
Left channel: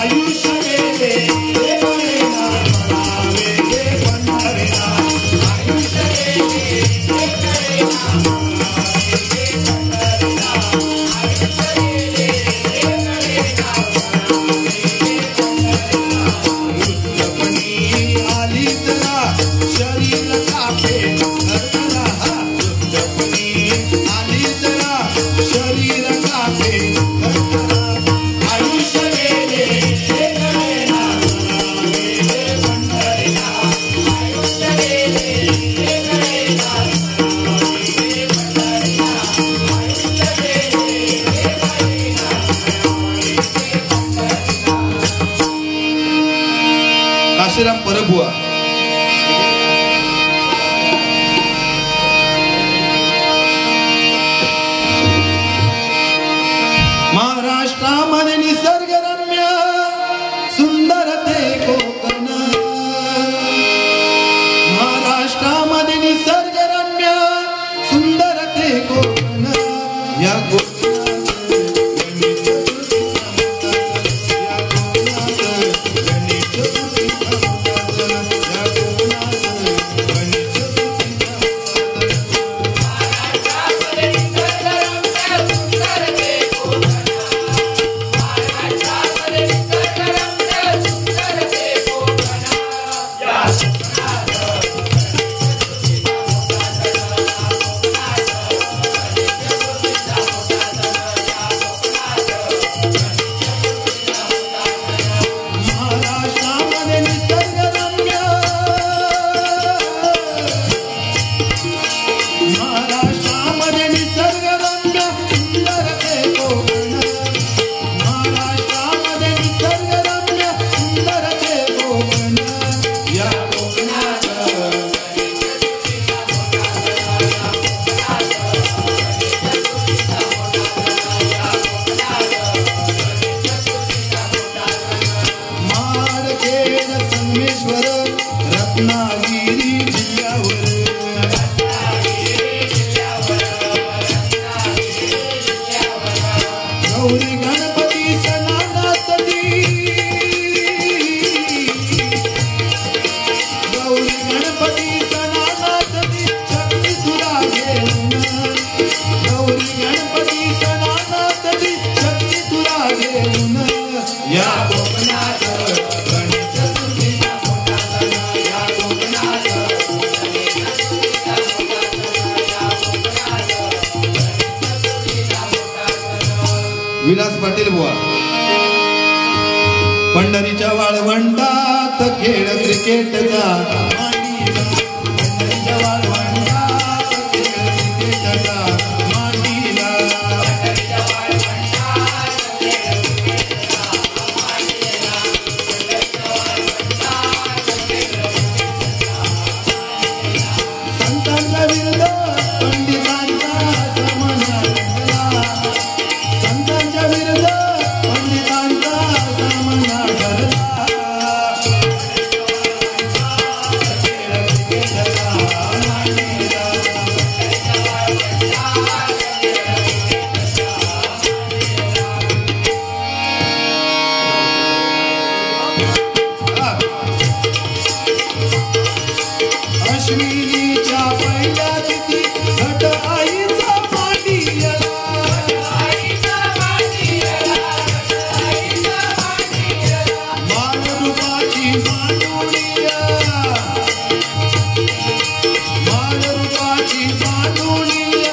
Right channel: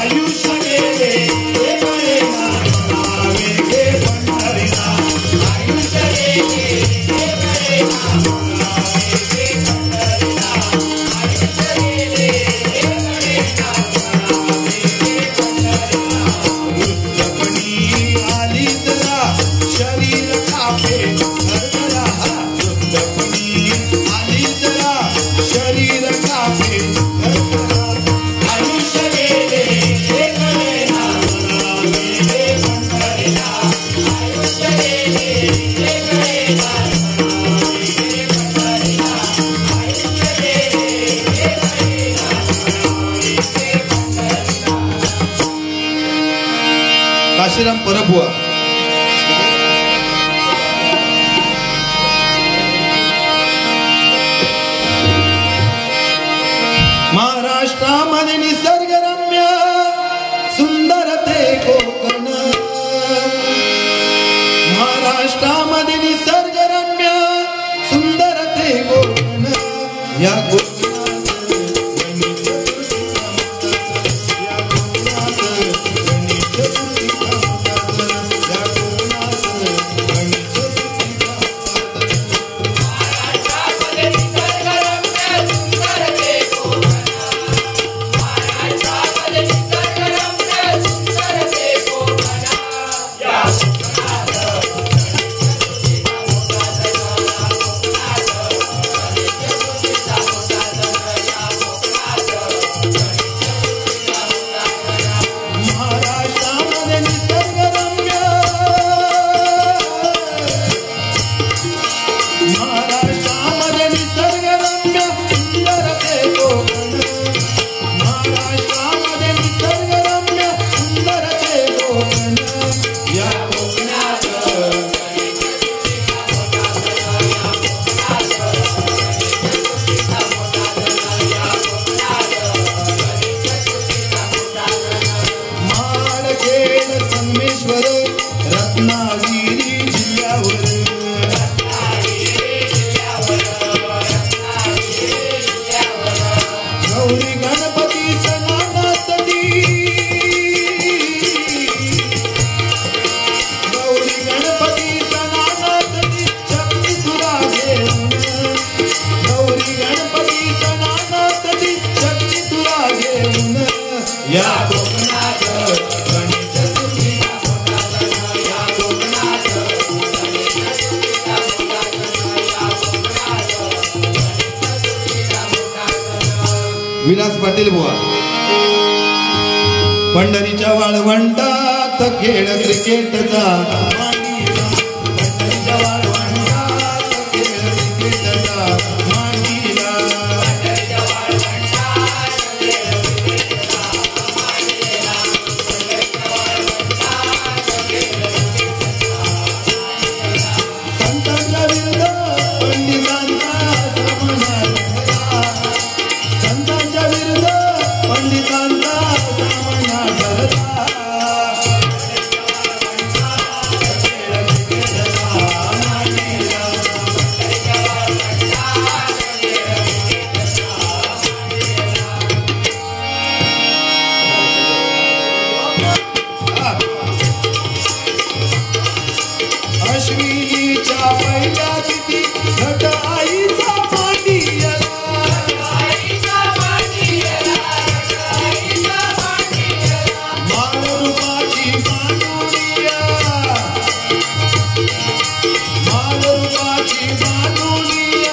आयुष्य गेले ते कळेना, म्हणावे गे पंढरीना. आयुष्य गेले ते कळेना, म्हणावे गे पंढरीना. आयुष्य गेले ते कळेना, म्हणावे गे पंढरीना. वृद्धपणी आली जरा शरीर कापे. वृद्धपणी आली जरा शरीर कापे. आयुष्य गेले ते कळेना, म्हणावे गे पंढरीना. आयुष्य गेले ते कळेना, म्हणावे गे पंढरीना. आयुष्य गेले ते कळेना, म्हणावे गे पंढरीना. काशीराम परबुवा. महाराष्ट्रामध्ये निसर्गरम्य सुंदर ते कोकण. महाराष्ट्रामध्ये निसर्गरम्य सुंदर ते कोकण. या कोकणात गणित या कोकणात गणित या कोकणात गणित. महाराष्ट्रामध्ये निसर्गरम्य सुंदर ते कोकण. महाराष्ट्रामध्ये निसर्गरम्य सुंदर ते कोकण. या महाराष्ट्रामध्ये निसर्गरम्य. महाराष्ट्रामध्ये निसर्गरम्य सुंदर ते कोकण. महाराष्ट्रामध्ये निसर्गरम्य सुंदर ते कोकण. या कोकणात माडखेड संगमेश्वर रत्नागिरी जिल्ह्यावर. गौरी गणपती सणासाठी गौरी गणपती सणासाठी शक्ती तुला घेऊन. गौरी गणपती सणासाठी शक्ती तुला घेऊन. या कोकणात गणेश तुझीला मोठा सण. या कोकणात विलास पाटील बुवा. पंढरीच्या वाळवंटात खेळ क्रिकेटचा मांडीला. पंढरीच्या वाळवंटात खेळ क्रिकेटचा मांडीला. संतांचा विरुद्ध पंडितांचा सामना ठरला. संतांच्या विरुद्ध पंडितांचा सामना ठरला. अश्विनीच्या पहिल्या तिथी घट आईचा मांडियला. मानरूपाची मांडुळिया. मानरूपाची मांडुळिया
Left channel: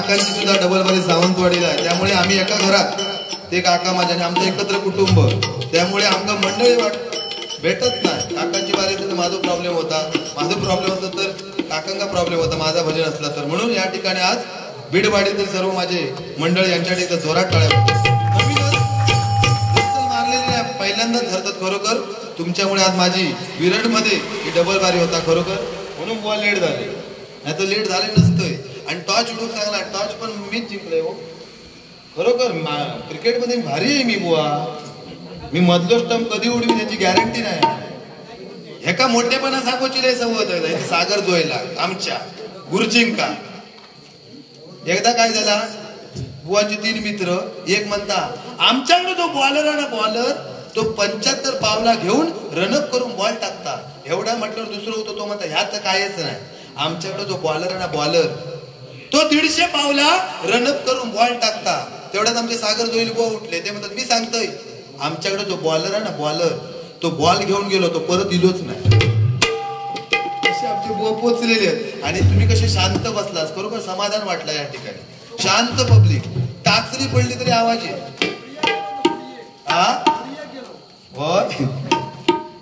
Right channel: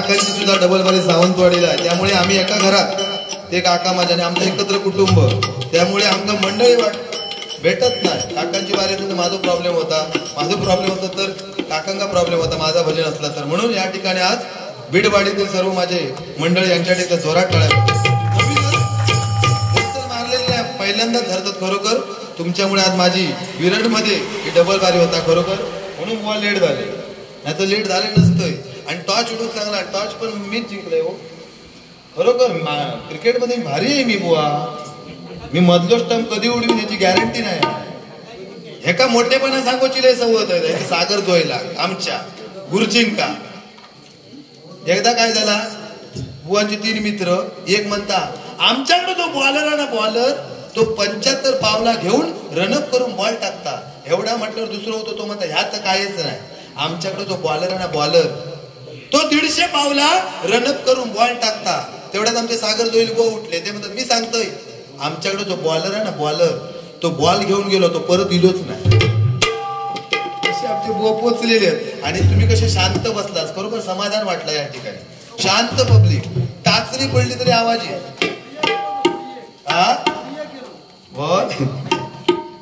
काकांची सुद्धा डबल बारी सावंतवाडीला आहे, त्यामुळे आम्ही एका घरात ते काका माझ्या आणि आमचं एकत्र कुटुंब, त्यामुळे आमचं मंडळी भेटत नाही. काकांची बारी तर माझा प्रॉब्लेम होता, माझं प्रॉब्लेम होतं तर काकांचा प्रॉब्लेम होता, माझा भजन असला तर. म्हणून या ठिकाणी आज बीडवाडीतील सर्व माझे मंडळ यांच्या ठिकाणी जोरात टाळ्या मारलेली आहे. पहिल्यांदाच धरतात खरोखर तुमच्यामुळे. आज माझी विरडमध्ये ही डबल बारी होता खरोखर, म्हणून बुवा लेट झाले, नाही तर लेट झाले नसतंय. आणि टॉच उडून चांगला, टॉच पण मीच जिंकलोय हो खरोखर. क्रिकेटमध्ये भारी आहे मी बुवा, मी मधलो स्टंप कधी उडवी त्याची गॅरंटी नाही. एका मोठेपणा सांगोची लय सवत आहे सागर जोयला आमच्या गुरुचिंका. एकदा काय झाला, बुवाचे 3 मित्र, एक म्हणता आमच्याकडे तो बॉलर आहे ना बॉलर, तो 75 पावला घेऊन रनअप करून बॉल टाकता. एवढा म्हटल्यावर दुसरं होतो, तो म्हणता ह्यात कायच नाही. आमच्याकडे जो बॉलर आहे ना बॉलर, तो 150 पावला रनअप करून बॉल टाकता. तेवढ्यात आमचे सागर जोईल बुवा उठले, ते म्हणतात मी सांगतोय आमच्याकडे जो बॉलर आहे ना बॉलर, तो बॉल घेऊन गेलो, तो परत इलोच नाही. असे आमचे बुवा पोचलेले आहेत. आणि तुम्ही कसे शांत बसलास, बरोबर समाधान वाटलं या ठिकाणी. शांत पब्लिक, टाचरी पडली तरी आवाज आहे.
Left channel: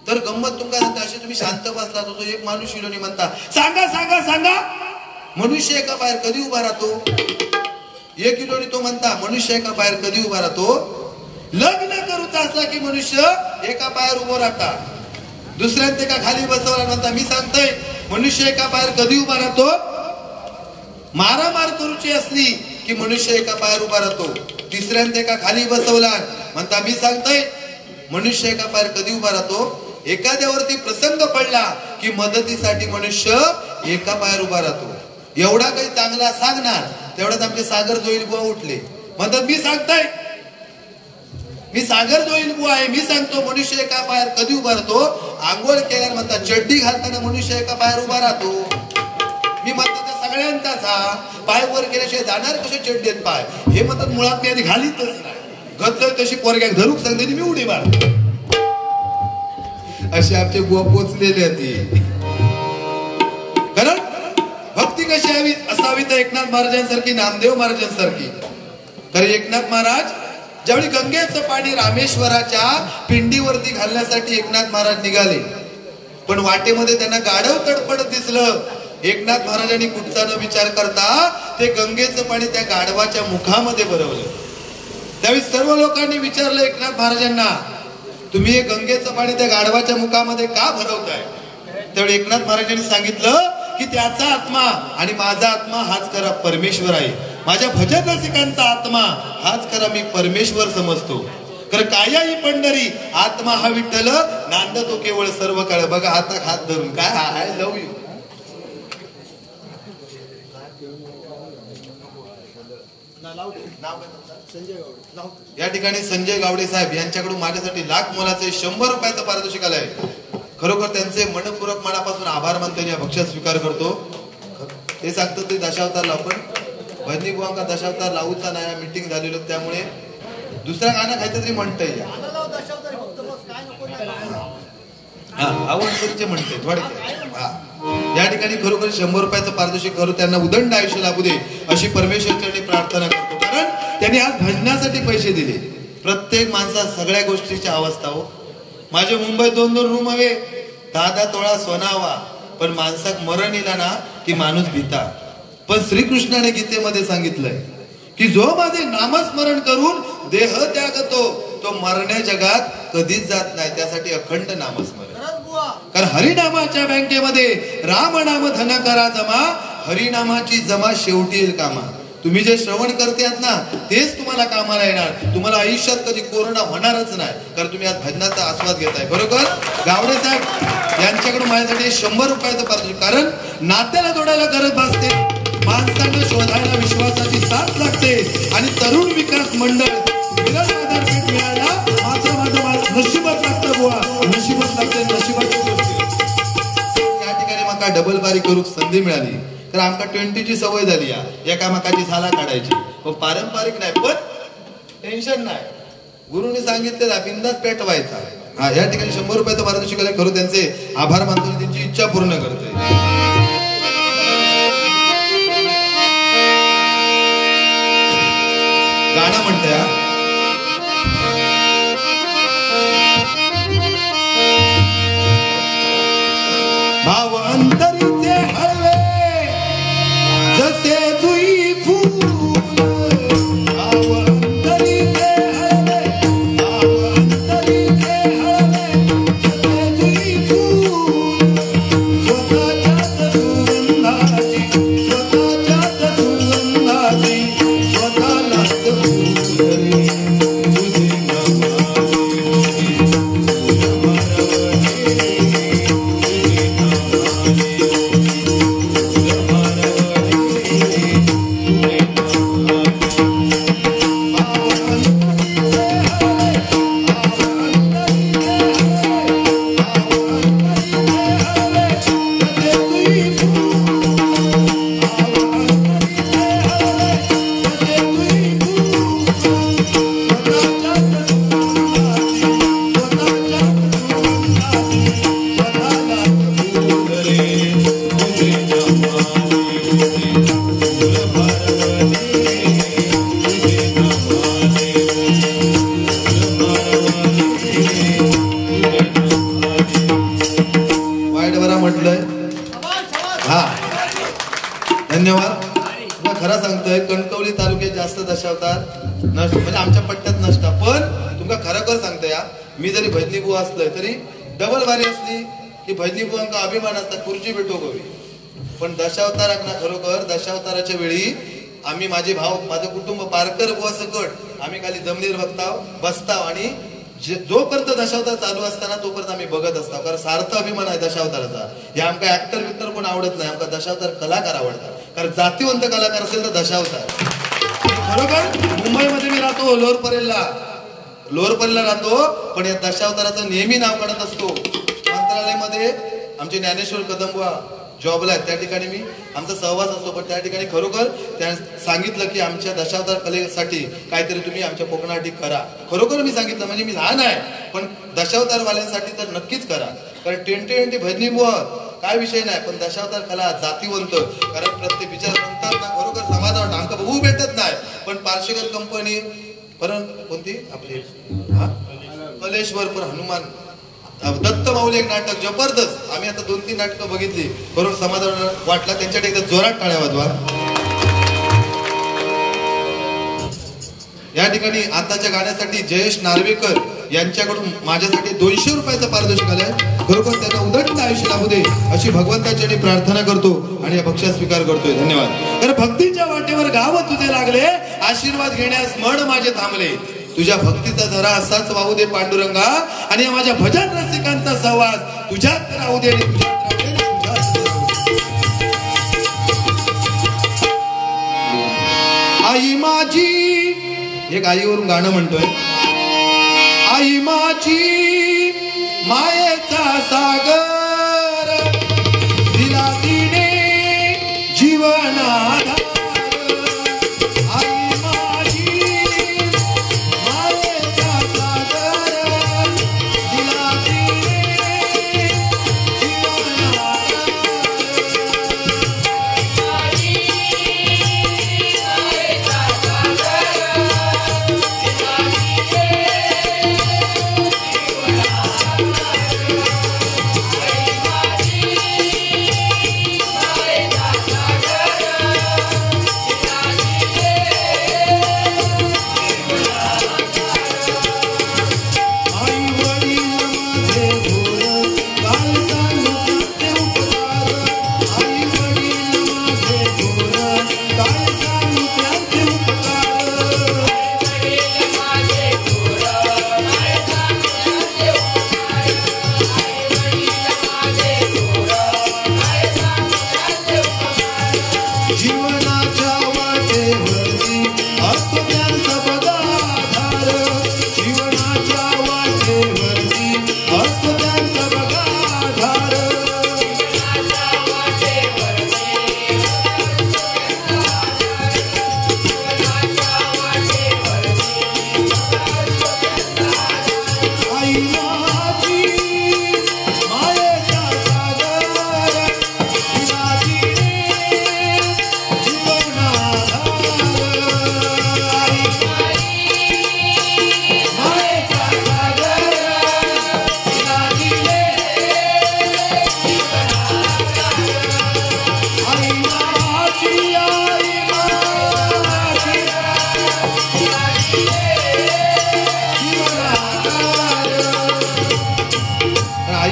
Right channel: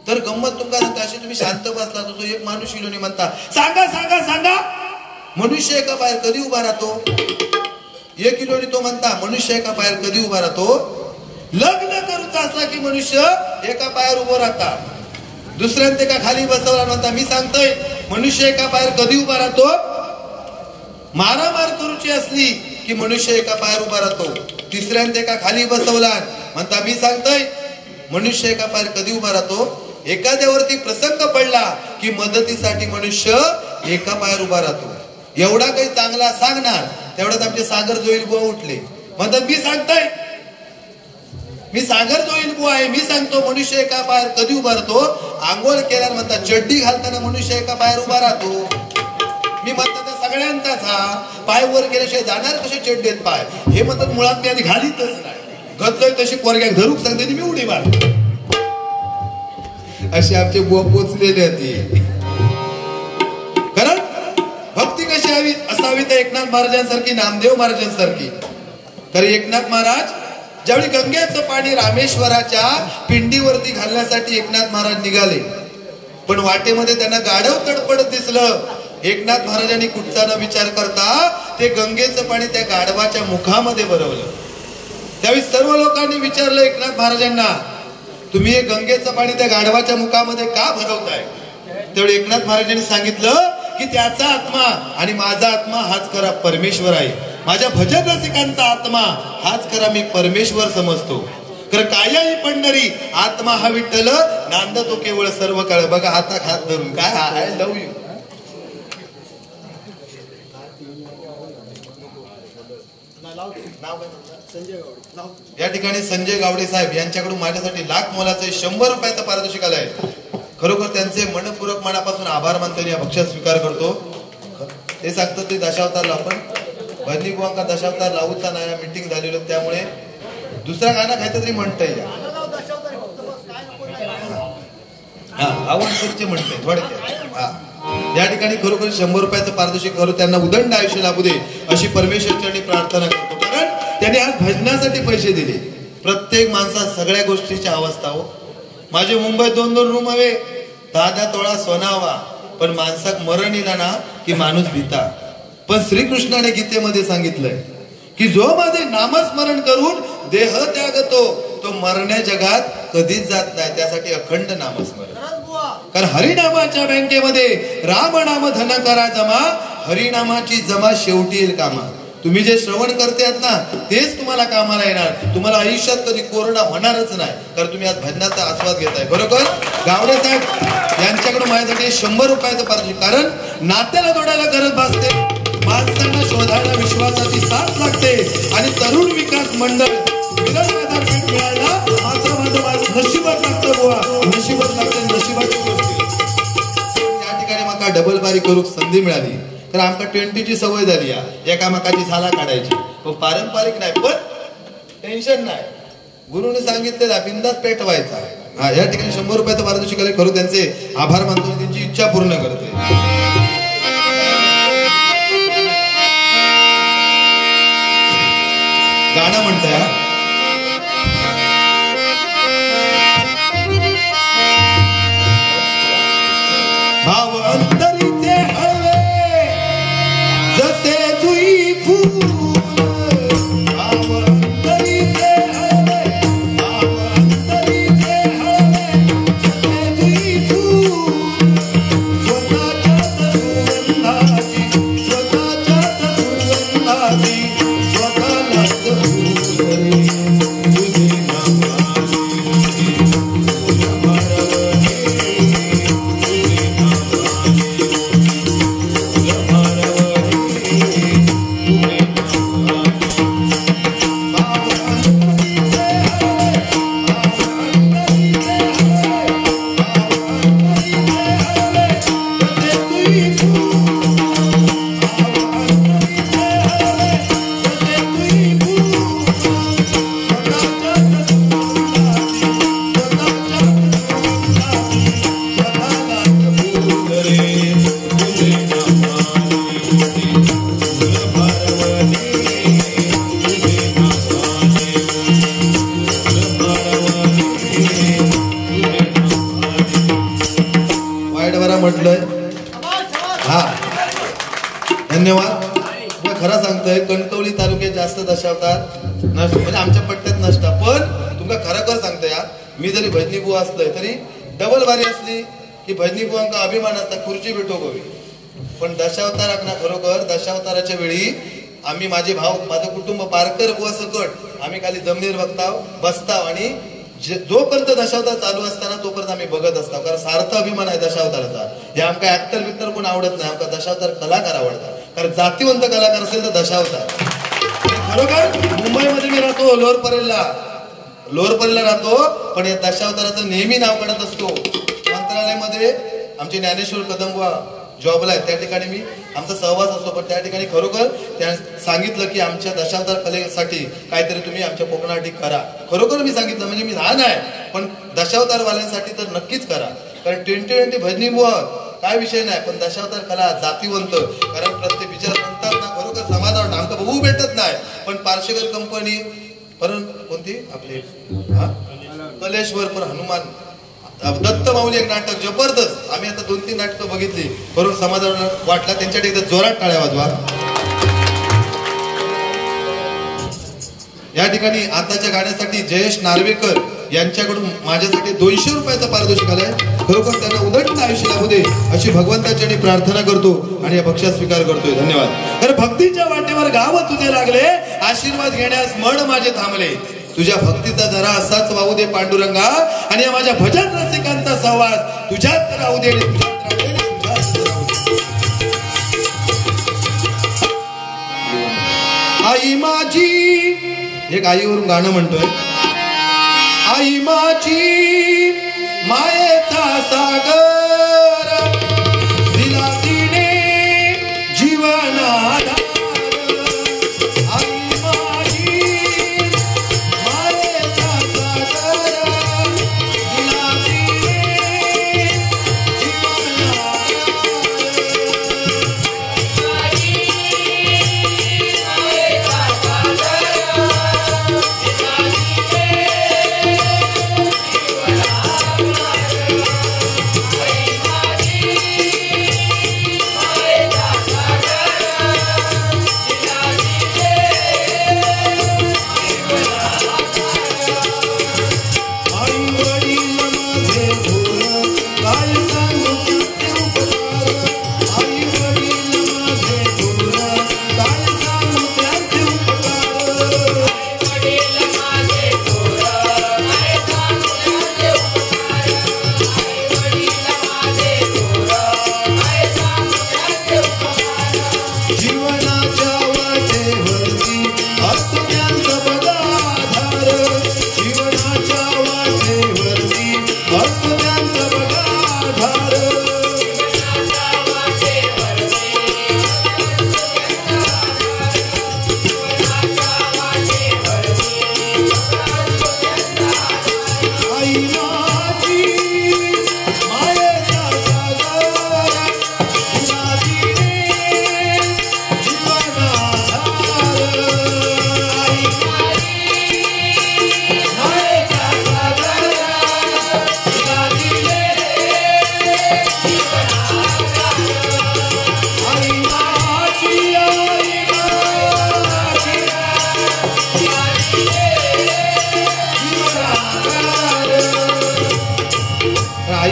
तर गंमत तुमका सांगता, अशी तुम्ही शांत बसला तो एक माणूस इलोनी म्हणता सांगा सांगा सांगा, मनुष्य एका पायावर कधी उभा राहतो. 1 किलोनी तो म्हणता मनुष्य एका पायावर कधी उभा राहतो. लग्न करूचा असला की मनुष्य एका पायावर उभं राहता. दुसऱ्याने का खाली बसवला म्हणता मी सांगतोय मनुष्य एका पायावर कधी उभा राहतो. मारामार करूची असली की मनुष्य एका पायावर उभा राहतो. तिसऱ्याने का खाली बसवला म्हणता मी सांगतोय मनुष्य एका पायावर कधी उभा राहतो. एखाद्यावरती प्रसंग पडला की मदतीसाठी मनुष्य एका पायावर उभा राहतो. एवढा काही चांगला सांगणार, तेवढ्यात आमचे सागर जोईल बुवा उठले, म्हणतात मी सांगताय, मी सागर जोईल बुवा आहे, मी सांगतो मनुष्य एका पायावर कधी उभा राहतो. आंघोळ केल्यावर म्हणतात चड्डी घालताना मनुष्य एका पायावर उभा राहतो. मी म्हणतो त्या सगळ्यांचाच हा पाय वर केल्याशिवाय जाणार कसे चड्डीत पाय, हे म्हणतात मुळात मी आधी घालीतच नाही, घातलोय तशी पोरग्या धरूक सांगते मी उडी मार. असे आमचे बुवा पोचलेले होते. कारण भक्ती कशी हवी असावी तर एकनाथ महाराजांसारखी, नामदेव महाराजांसारखी. तर एकनाथ महाराज ज्यावेळी गंगेचं पाणी रामेश्वराच्या पिंडीवरती घालण्यासाठी एकनाथ महाराज निघाले, पण वाटेमध्ये त्यांना गाढव तडपडत दिसलं. एकनाथ महाराजांनी कुठचा न विचार करता ते गंगेचं पाणी त्या गाढवाच्या मुखामध्ये भरवलं. त्यावेळी सर्व लोकांनी विचारलं एकनाथ महाराजांना, तुम्ही हे गंगेचं पाणी त्या गाढवाच्या मुखामध्ये का भरवताय. त्यावेळी एकनाथ महाराजांनी सांगितलं की त्याचा आत्मा आणि माझा आत्मा हाच खरा परमेश्वर आहे. माझ्या भजन रसिकांचा आत्मा हाच खरा मी परमेश्वर समजतो. तर काया ही पंढरी आत्मा हा विठ्ठल नांद तो केवळ सर्व काळ. बघा हातात हात धरून काय आय लव्ह यू. या ठिकाणी संजय गावडे साहेब यांच्याकडून माझ्यासाठी लाख मोलाचे 100 रुपयाचं पारितोषिक आलंय. खरोखर त्यांचे मनपूर्वक मनापासून आभार मानतो, या भक्ष्यात स्वीकार करतो. ते सांगतो ते दशावतारला आपण भजनी बुवांका दशावतार लावूचा नाही, मीटिंग झालेलं, त्यामुळे दुसरा गाणं खायचं तरी म्हणतंय. हा आवडचे म्हणते थोडक्यात. हा या ठिकाणी खरोखर 100 रुपयाचं पारितोषिक करू, त्यांना उदंड आयुष्य लाभू दे अशी परमेश्वरचरणी प्रार्थना करतो. कारण त्यांनी आज भजनासाठी पैसे दिले. प्रत्येक माणसात सगळ्या गोष्टीची अवस्था हो. माझे मुंबईत 2-2 रूम हवे, 10-10 तोळा सोना हवा, पण माणसाक मरण येला ना की माणूस भीता. पण श्रीकृष्णाने गीतेमध्ये सांगितलंय की जो माझे नामस्मरण करून देह त्यागतो तो मरण्या जगात कधीच जात नाही. त्यासाठी अखंड नामस्मरण. कारण हरिनामाच्या बँकेमध्ये राम नाम धन करा जमा, हरिनामाची जमा शेवटी येईल कामा. तुम्ही जे श्रवण करतात ना तेच तुम्हाला कामाला येणार. तुम्हाला आयुष्यात कधी कोरोना होणारच नाही, कारण तुम्ही आज भजनाचा आस्वाद घेताय. बरोबर गावडे साहेब यांच्याकडून माझ्यासाठी 100 रुपयाचं पारितोषिक. कारण नात्याला जोडायला गरज भासते, माणसांना शोधायला विश्वासाची साथ लागते. आणि तरुण विकास मंडळ विराट मिळायला माझं नशिबात लागतं बुवा, नशिबात लागते. नशिबाची गोष्टी या ठिकाणी मला डबल बारी करू संधी मिळाली. तर आमका 20ची सवय झाली एकामेकाची झाला काढायची. पारंपरिक नाही पण टेन्शन नाही, गुरुने सांगितलेला बिंदास पेटवायचा. हा या ठिकाणी 100 रुपयाचं पारितोषिक करू, त्यांचे आभार मानतो, त्यांची इच्छा पूर्ण करते. गाणं म्हणतंय हा. भाव अंतरीचे हळवे जसे जुई फूल, भाव अंतरीचे हळवे, भाव अंतरीचे हळवे जसे जुई फूल, स्वतःच्याच सुगंधाची, स्वतःच्याच सुगंधाची स्वतःलाच फूल रे. तुझे म्हटलंय. हा धन्यवाद. तुला खरं सांगतोय कणकवली तालुक्यात जास्त दशावतार नसत, म्हणजे आमच्या पट्ट्यात नसता. पण तुमका खरोखर सांगतोय या, मी जरी भजनी बुवा असलोय तरी डबल बारी असली की भजनी बुवांका अभिमान असता, खुर्ची भेटो गोवी. पण दशावताराक ना खरोखर दशावताराच्या वेळी आम्ही माझे भाऊ माझं कुटुंब पारकर बुवा सकट आम्ही खाली जमिनीवर बसताव आणि जोपर्यंत दशावतार चालू असताना तोपर्यंत आम्ही बघत असतो. कारण सार्थ अभिमान आहे दशावताराचा. हे आमका ऍक्टर बिक्टर कोण आवडत नाही, आमका दशावतार कलाकार आवडतात. कारण जातीवंत कलाकार असेल तर दशावतार. खरोखर मुंबईमध्ये मी राहतो, लोअर परेलला राहतो, पण या दशावताराचं नेहमी नाव काढत असतो. मंत्रालयामध्ये आमचे ज्ञानेश्वर कदमबुवा जॉबला आहेत, त्या ठिकाणी मी आमचा सहवास असतो. पण त्या ठिकाणी खरोखर त्या सांगितलं की आमच्या दशावतार कलेसाठी काहीतरी तुम्ही आमच्या कोकणासाठी करा. खरोखर मी सांगितलं, म्हणजे मी लहान आहे पण दशावतार वाल्यांसाठी तर नक्कीच करा. कारण 2020 भजनी बुवा काय विषय नाही, पण दशावतार कला जातीवंत. कारण प्रत्येक विचार म्हणतात ना, खरोखर समाज वाटतं आमका बघू भेटत नाही. पण पार्शेकर कंपनी परत कोणती आपली कलेश्वर पर हनुमान दत्त माऊली एक नाटक जबरदस्त. आम्ही आता 2-3 नाटकं बघितली, बरोबर समाजाला वाटला. त्यांच्याकडे एकदा जोरात टाळ्या वाजवा. या ठिकाणी आताच्या गाण्यासाठी जयेश नार्वेकर यांच्याकडून माझ्यासाठी 200 रुपयाचा पारितोषिक आलाय. खरोखर त्यांना उदंड आयुष्य लाभू दे अशी भगवंताची प्रार्थना करतो आणि या भक्ष्या स्वीकार करतोय. धन्यवाद. तर भक्तीच्या वाटेवर गाव तुझे लागले, आशीर्वाद घेण्यास मन माझे थांबले. तुझ्या भक्तीचा जरा असाच वाहू दे पांडुरंगा, आणि या माझ्या भजन रसिकांचा सहवास तुझ्यात राहू दे. आई माझी, एक आईवरून गाणं म्हणतोय. आई माझी मायेचा सागर, दिला तिने जीवनाधार. Bye.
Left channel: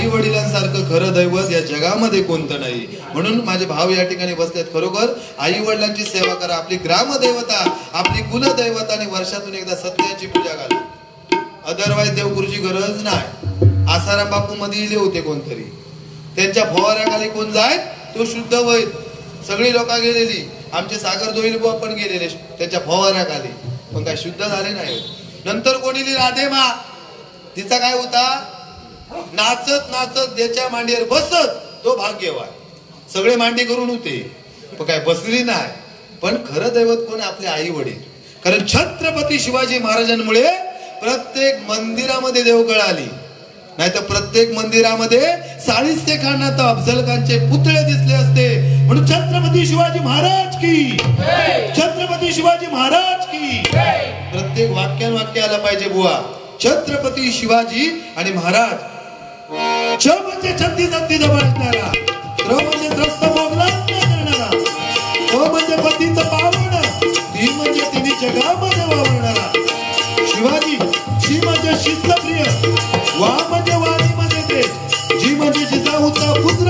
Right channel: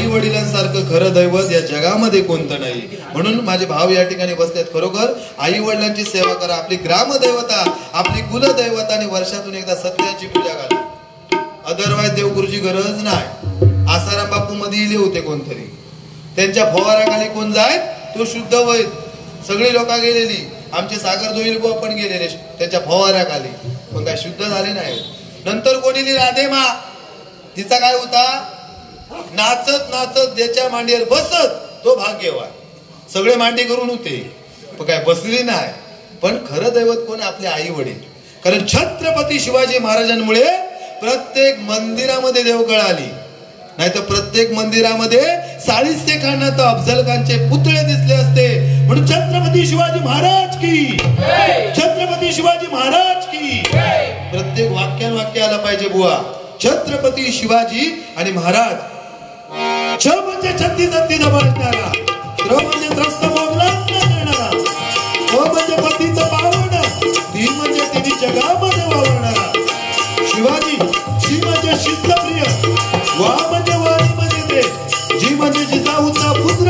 आई वडिलांसारखं खरं दैवत या जगामध्ये कोणतं नाही. म्हणून माझे भाव या ठिकाणी बसलेत. खरोखर आई वडिलांची सेवा करा. आपली ग्रामदैवता, आपली कुलदैवता आणि वर्षातून एकदा सत्याची पूजा करा. अदरवाईज देवगुरुची गरज नाही. आसाराम बापू मध्ये इले होते कोणतरी, त्यांच्या फवाऱ्याखाली कोण जाय तो शुद्ध होईल. सगळी लोक गेलेली, आमचे सागर दोईल बुवा पण गेलेले त्यांच्या फवाऱ्याखाली, पण काय शुद्ध झाले नाही. नंतर कोणी राधेमा, तिचा काय होता, नाचत नाचत त्याच्या मांडीवर बसत तो भाग्यवान. सगळे मांडी करून होते पण काय बसली नाही. पण खरं दैवत कोण, आपले आई वडील. कारण छत्रपती शिवाजी महाराजांमुळे प्रत्येक मंदिरामध्ये देवकळ आली. नाही तर प्रत्येक मंदिरामध्ये साळीस्ते खाना तर अफजल खानचे पुतळे दिसले असते. म्हणून छत्रपती शिवाजी महाराज की, छत्रपती शिवाजी महाराज की. प्रत्येक वाक्य आलं पाहिजे बुवा. छत्रपती शिवाजी आणि महाराज. छ म्हणजे छत्तीस हत्ती जबाळणारा, त्र म्हणजे त्रस्त मोगला देणारा, प म्हणजे पतीचं पावन, ती म्हणजे तिने जगामध्ये वावरणारा. शिवाजी, शी म्हणजे शिस्तप्रिय, वा म्हणजे वाणीमध्ये ते, जी म्हणजे जिजाऊचा पुत्र.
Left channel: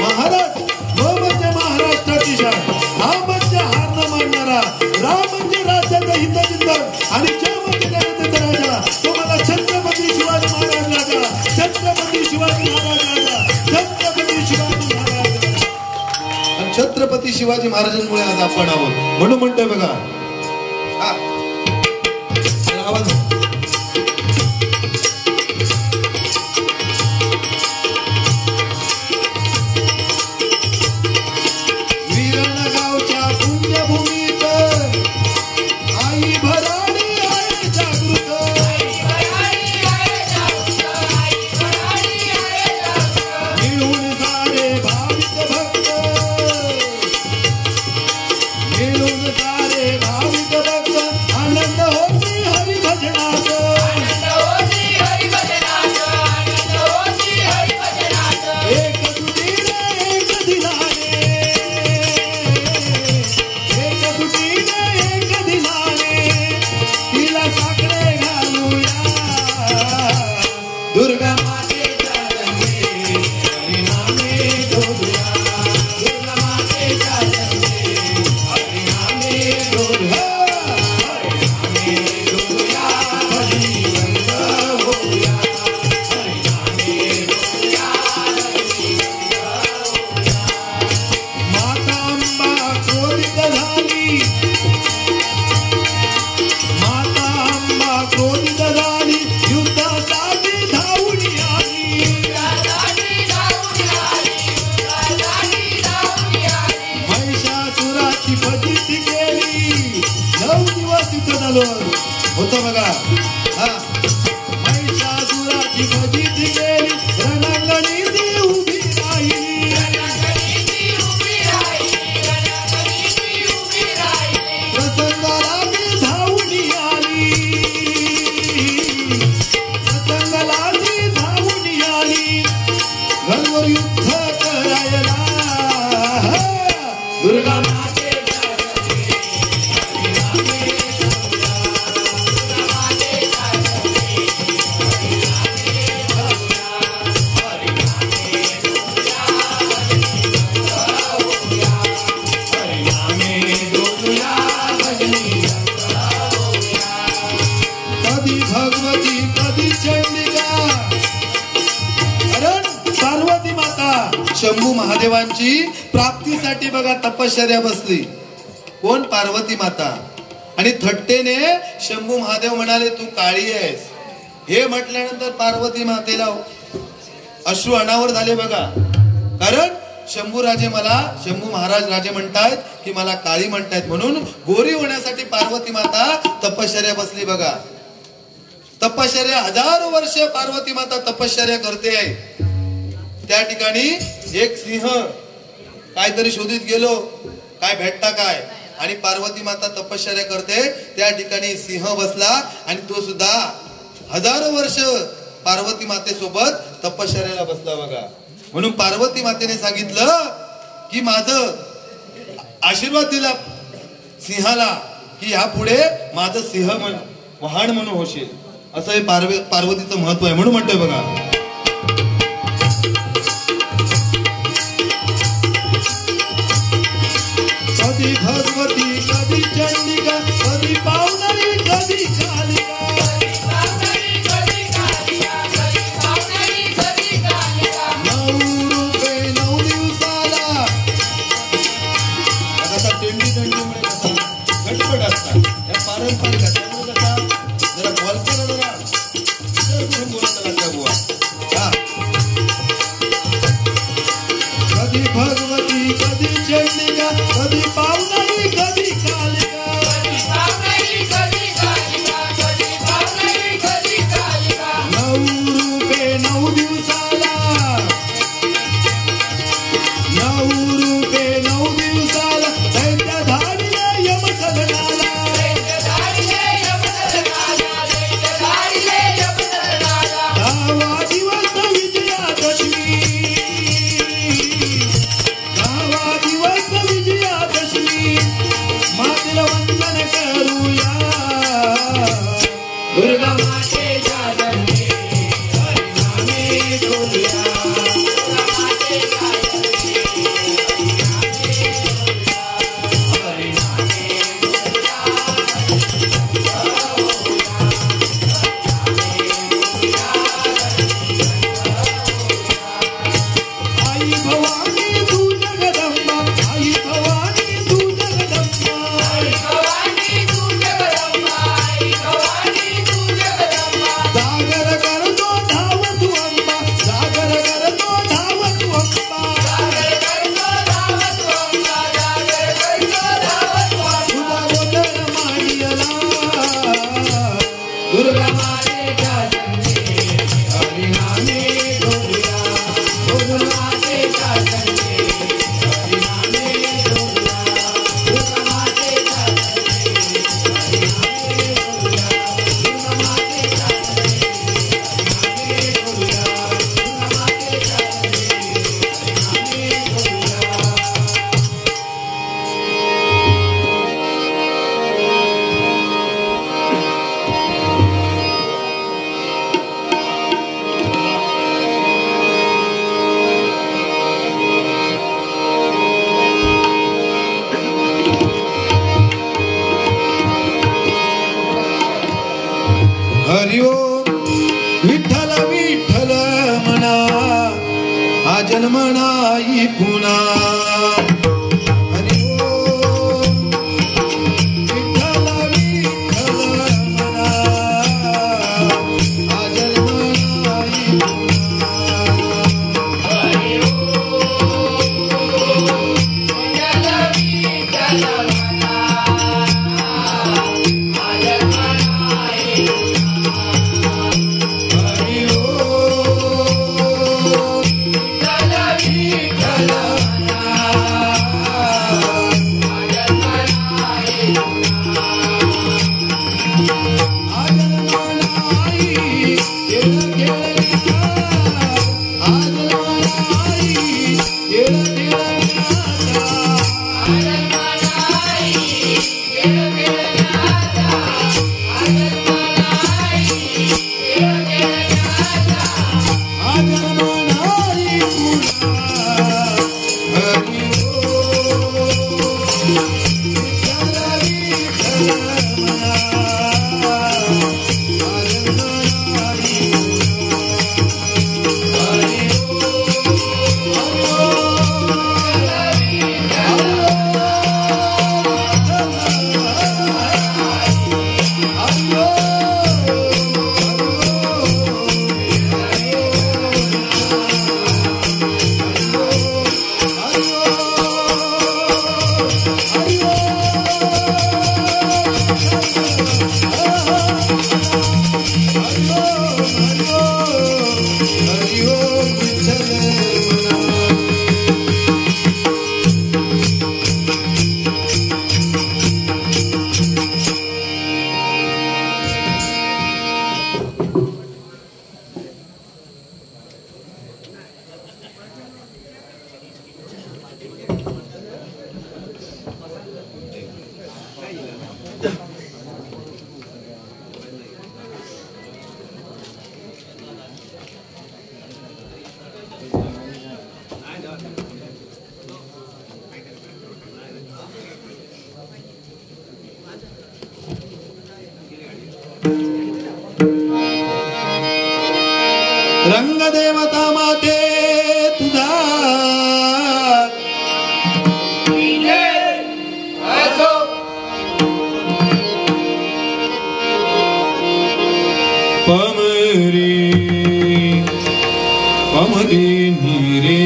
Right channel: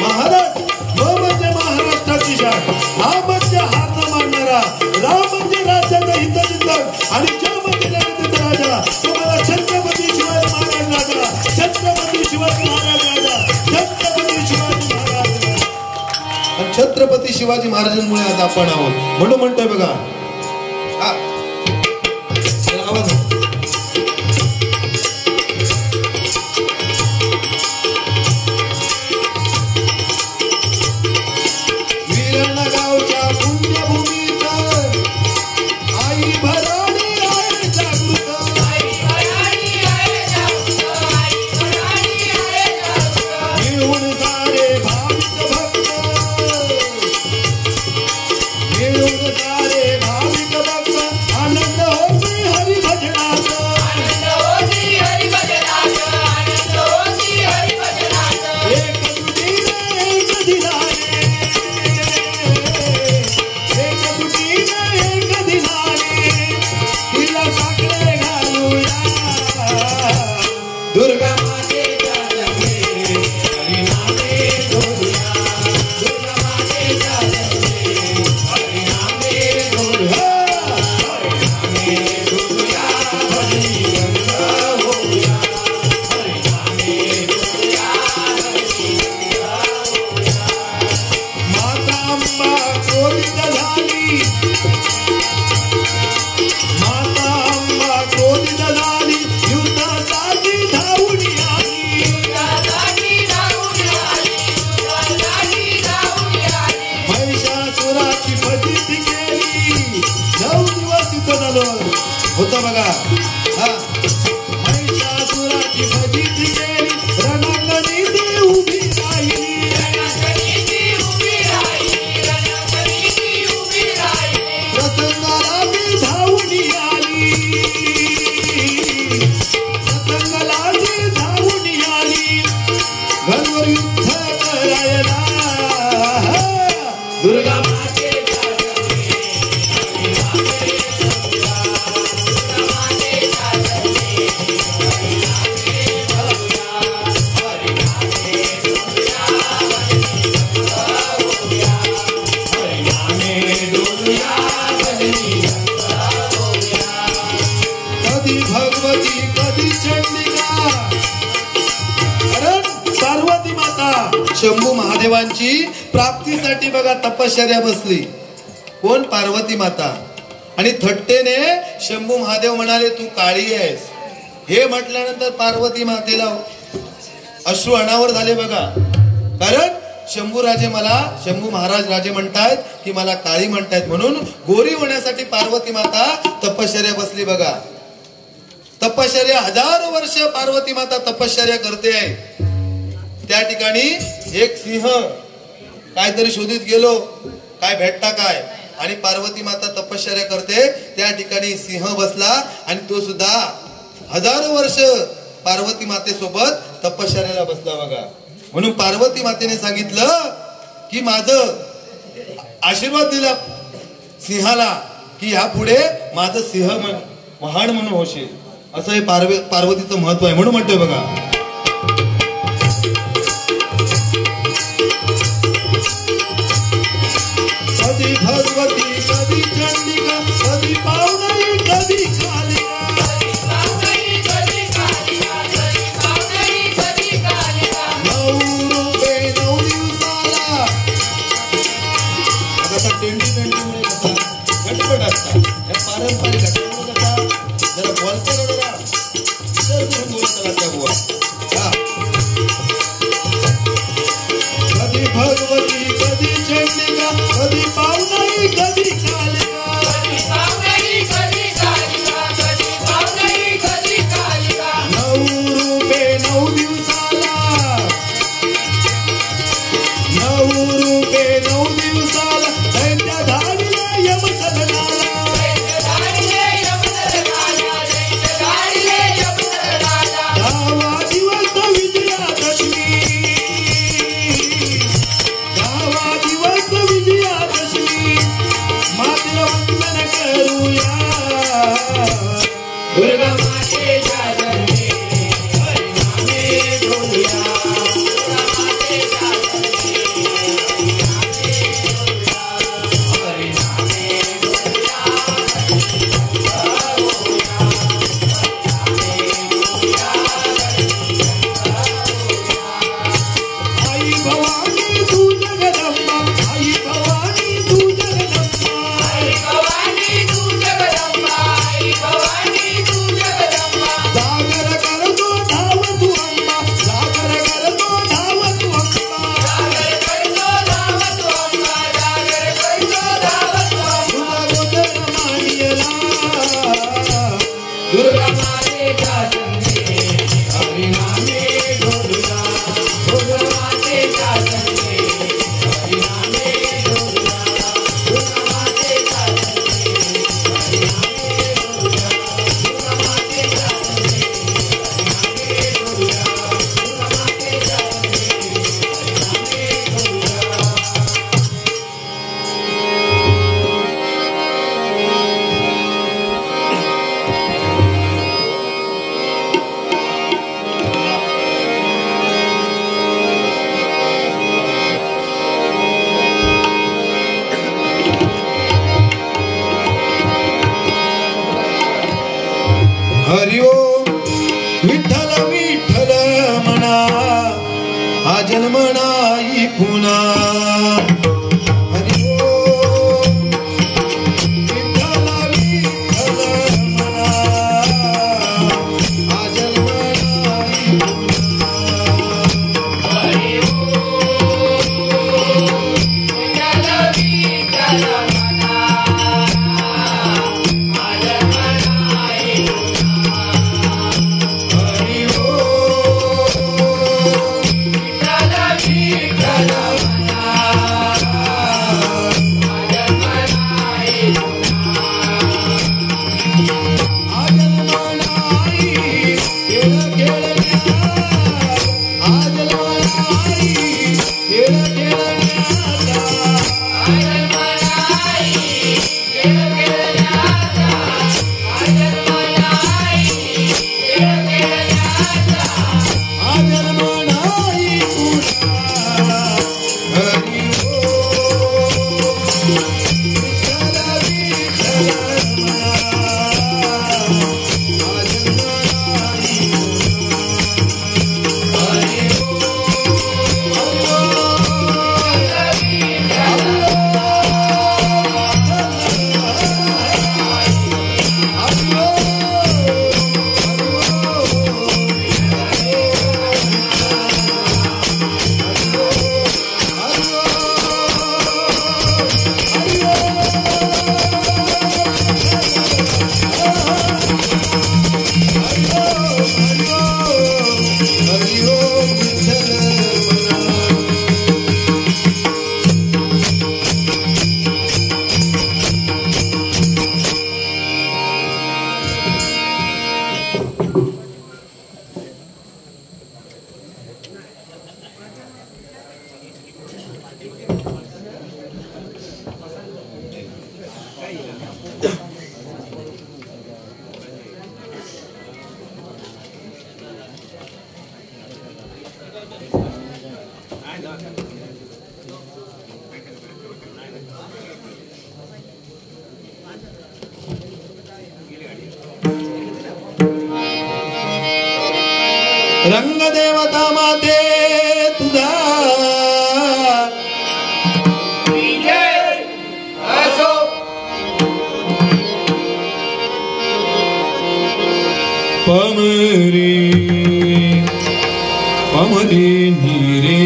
महाराज, म म्हणजे महाराष्ट्राची शान, हा म्हणजे हार न मानणारा, रा म्हणजे राज्याचं हितचिंतक आणि ज म्हणजे जनतेचा राजा. तो मला छत्रपती शिवाजी महाराज राजा, छत्रपती शिवाजी महाराज राजा, छत्रपती शिवाजी महाराज. छत्रपती शिवाजी महाराजांमुळे आज आपण आहोत. म्हणून म्हणतोय बघा, आवाज होतं बघा. महिषासुराची फजिती केली, रणांगणी ती उभी राहिली, प्रसंगाला ती धावून आली, प्रसंगाला ती धावून आली, घनवर युद्ध करायला दुर्गा शंभू महादेवांची प्राप्तीसाठी बघा तपश्चर्या बसली. कोण? पार्वती माता. आणि थट्टेने शंभू महादेव म्हणाले तू काळी आहेस. हे म्हटल्यानंतर पार्वती मातेला अश्रू अनावर झाले बघा. कारण शंभू महाराज राजे म्हणतायत की मला काळी म्हणतायत, म्हणून गोरी होण्यासाठी पार्वती माता तपश्चर्या बसली बघा. तपश्चर्या हजारो वर्ष पार्वती माता तपश्चर्या करते आहे. त्या ठिकाणी एक सिंह काहीतरी शोधित गेलो, काय भेटता काय, आणि पार्वती माता तपश्चर्या करते. त्या ठिकाणी सिंह बसला आणि तो सुद्धा हजारो वर्ष पार्वती मातेसोबत तपश्चर्याला बसला बघा. म्हणून पार्वती मातेने सांगितलं की माझं आशीर्वाद दिला सिंहाला की ह्या पुढे माझं सिंह महान म्हणून होशील. असं हे पार्वतीचं महत्व आहे. म्हणून म्हणतोय बघा, कधी भगवती कधी चंडिका कधी पावनाई कधी कालिका नऊ रुपये 9 दिवसाला आता टेंडी टेंडीमुळे कसा झटपट असतात या पारंपरिक असल्यामुळे कसा जरा बोलकर जरा विचार करून बोलत राहता बुवा हा कधी भगवती कधी चंडिका कधी पावनाई कधी कालिका 9 रुपये 9 दिवसाला 9 रुपये 9 दिवसाला त्यांच्या धाडीला यमसदनाला दहावा दिवस विजयादशमी 10वा दिवस विजयादशमी मातेला वंदन करूया दुर्गा मातेच्या चरणी हरिनामे बोलूया आई भवानी तू जगदंबा आई भवानी तू जगदंबा जागर करतो धाव तू अंबा जागर करतो धाव तू अंबा तुझा गोंधळ मांडियला दुर्गा मातेच्या चरणी हरिनामे बोलूया दुर्गा मातेच्या चरणी हरिनामे बोलूया दुर्गा मातेच्या चरणी हरिनामे बोलूया दुर्गा मातेच्या चरणी हरिनामे बोलूया दुर्गा मातेच्या चरणी हरिनामे बोलूया हरि ओम विठ्ठल विठ्ठल म्हणा हा जन्म नाही पुन्हा हरि ओम विठ्ठल विठ्ठल म्हणा हा जन्म नाही हरि ओम विठ्ठल विठ्ठल म्हणा रंगदेवता माते तुझा पमरी पमरी नीरे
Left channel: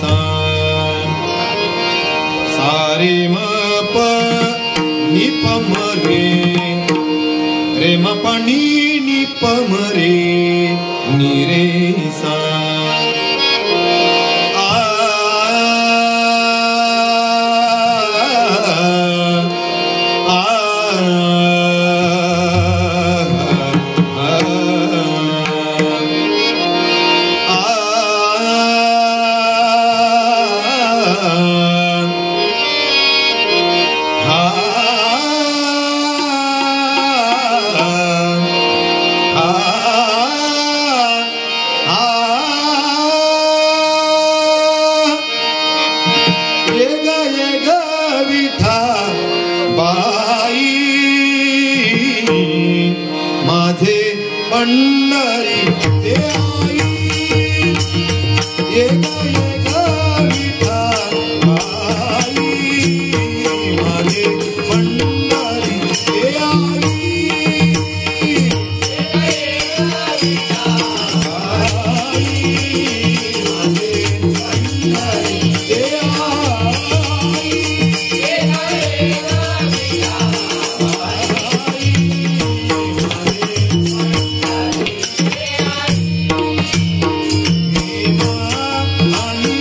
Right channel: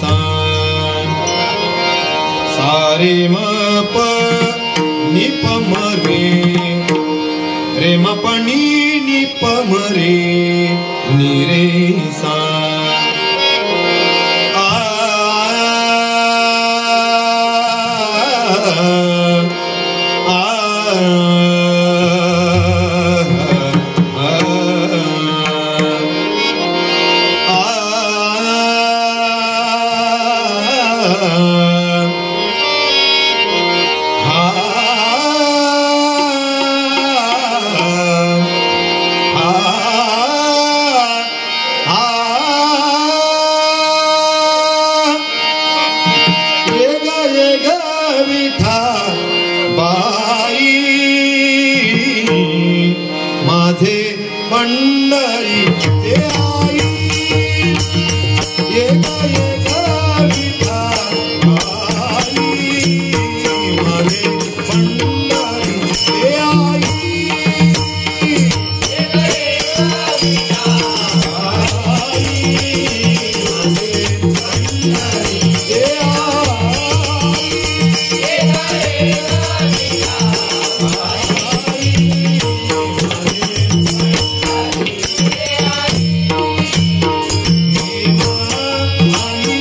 सारे म प नि पमरे रे म पनि नि पमरे नीरे सा माझे पंढरी ते आई ये विठा आई माझे पंढरी ते आई आणि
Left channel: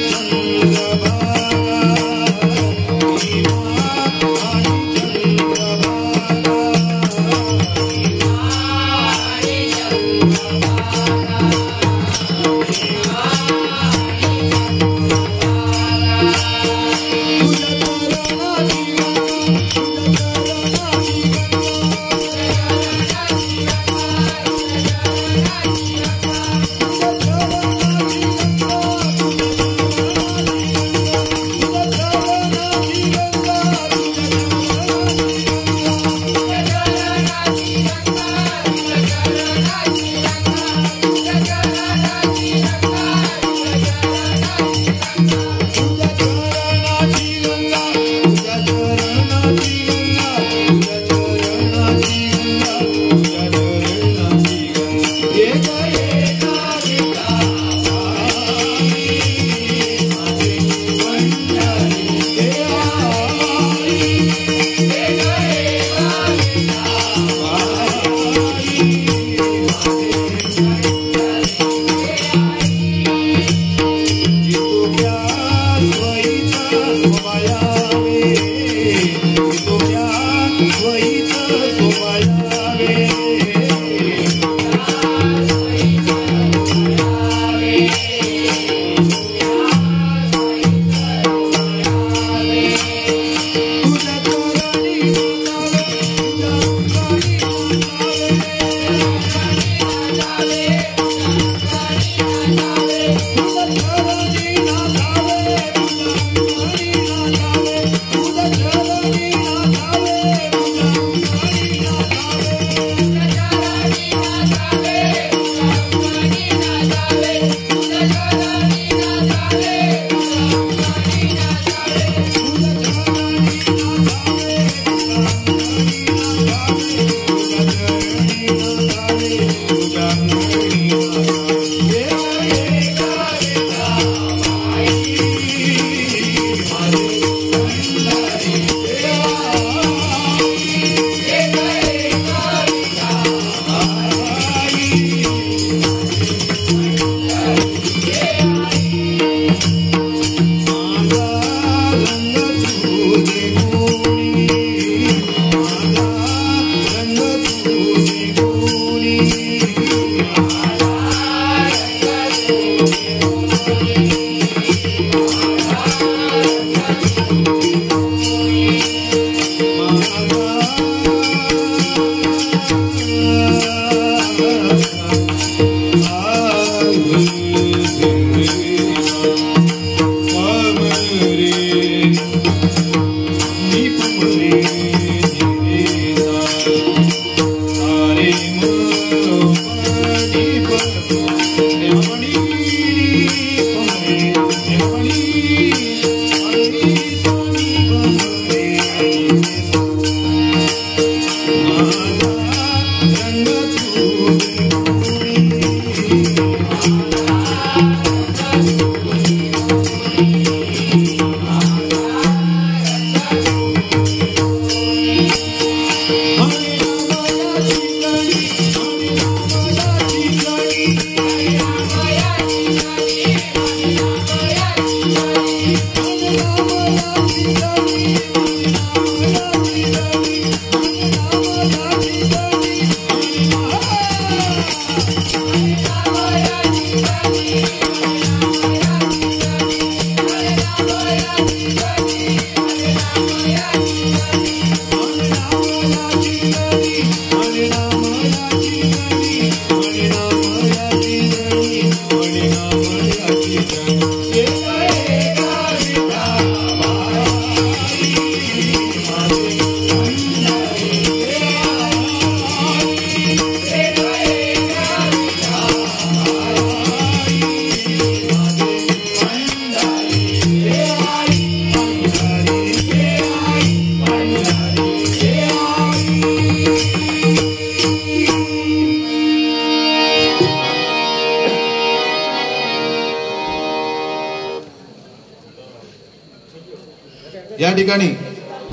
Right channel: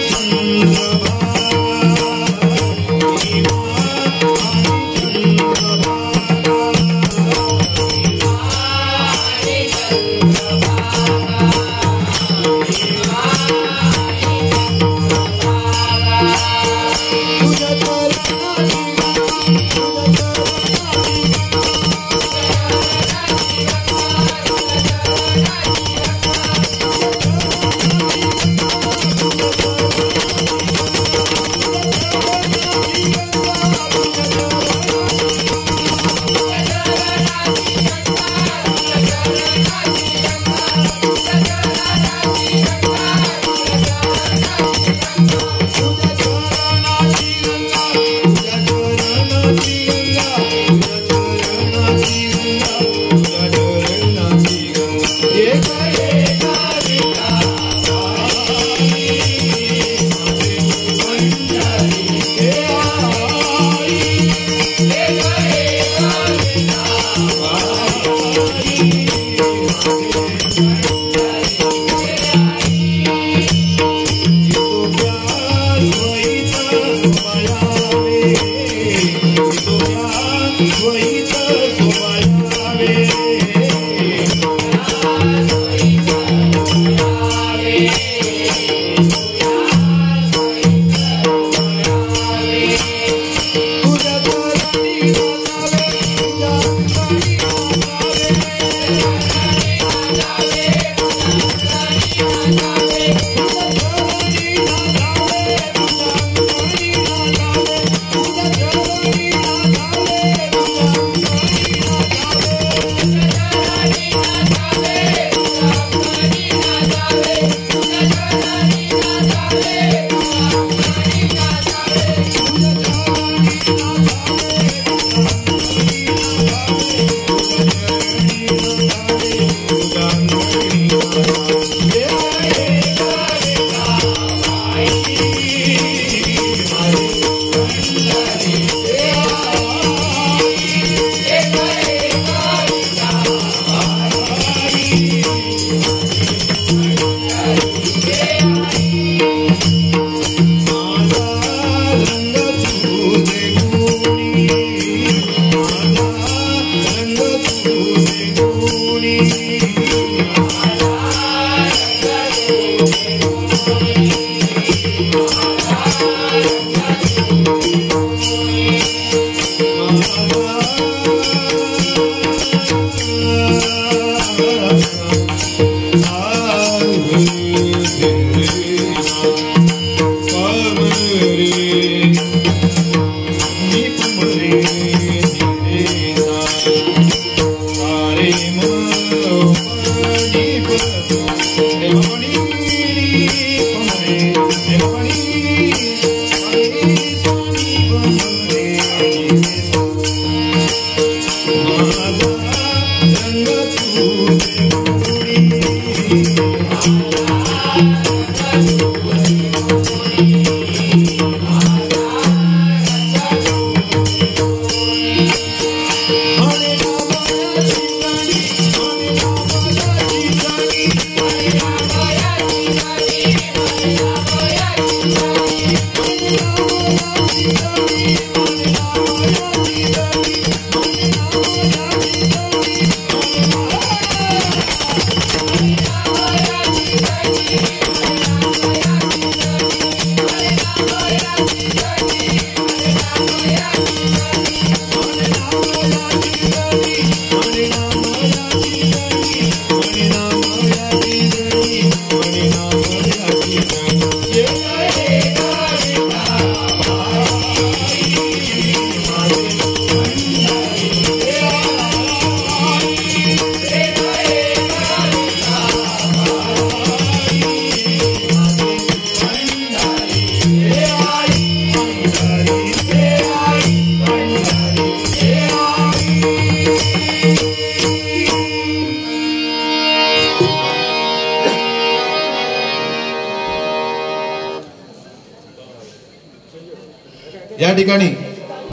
या ठिकाणी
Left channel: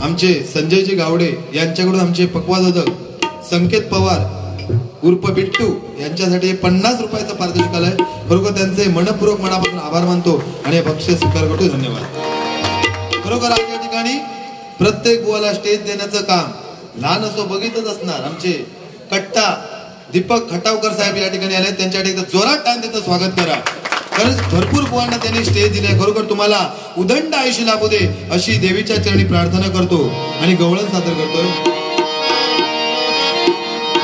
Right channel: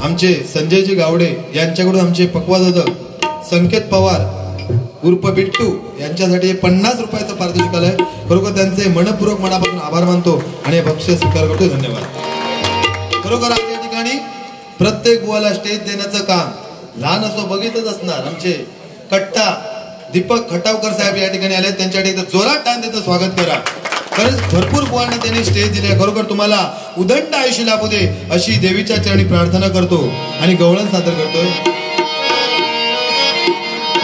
आमचे संजयजी गावडे यांच्याकडून आमचे पक्वादक संकेत पवार उर्फ बिट्टू यांच्यासाठी 50 रुपयाचं पारितोषिक आलंय. खरोखर त्यांचे मनपूर्वक मनापासून आभार मानतो आणि बक्षीस स्वीकार करतो. धन्यवाद. खरोखर आज या ठिकाणी प्रत्येक बुवाला स्टेज देण्याचं काम लहान असो बघितच असणार आमचे कट्टा दीपक खटावकर साहेब या ठिकाणी आले. त्यांच्यासाठी जोरात टान देतं स्वागत करा. खरंच भरपूर बुवांना त्यांनी स्टेज दिले. खरोखर तुम्हाला उदंड आयुष्य लाभू दे अशी देवीच्या चरणी प्रार्थना करतो आणि गवळण सादर करतोय.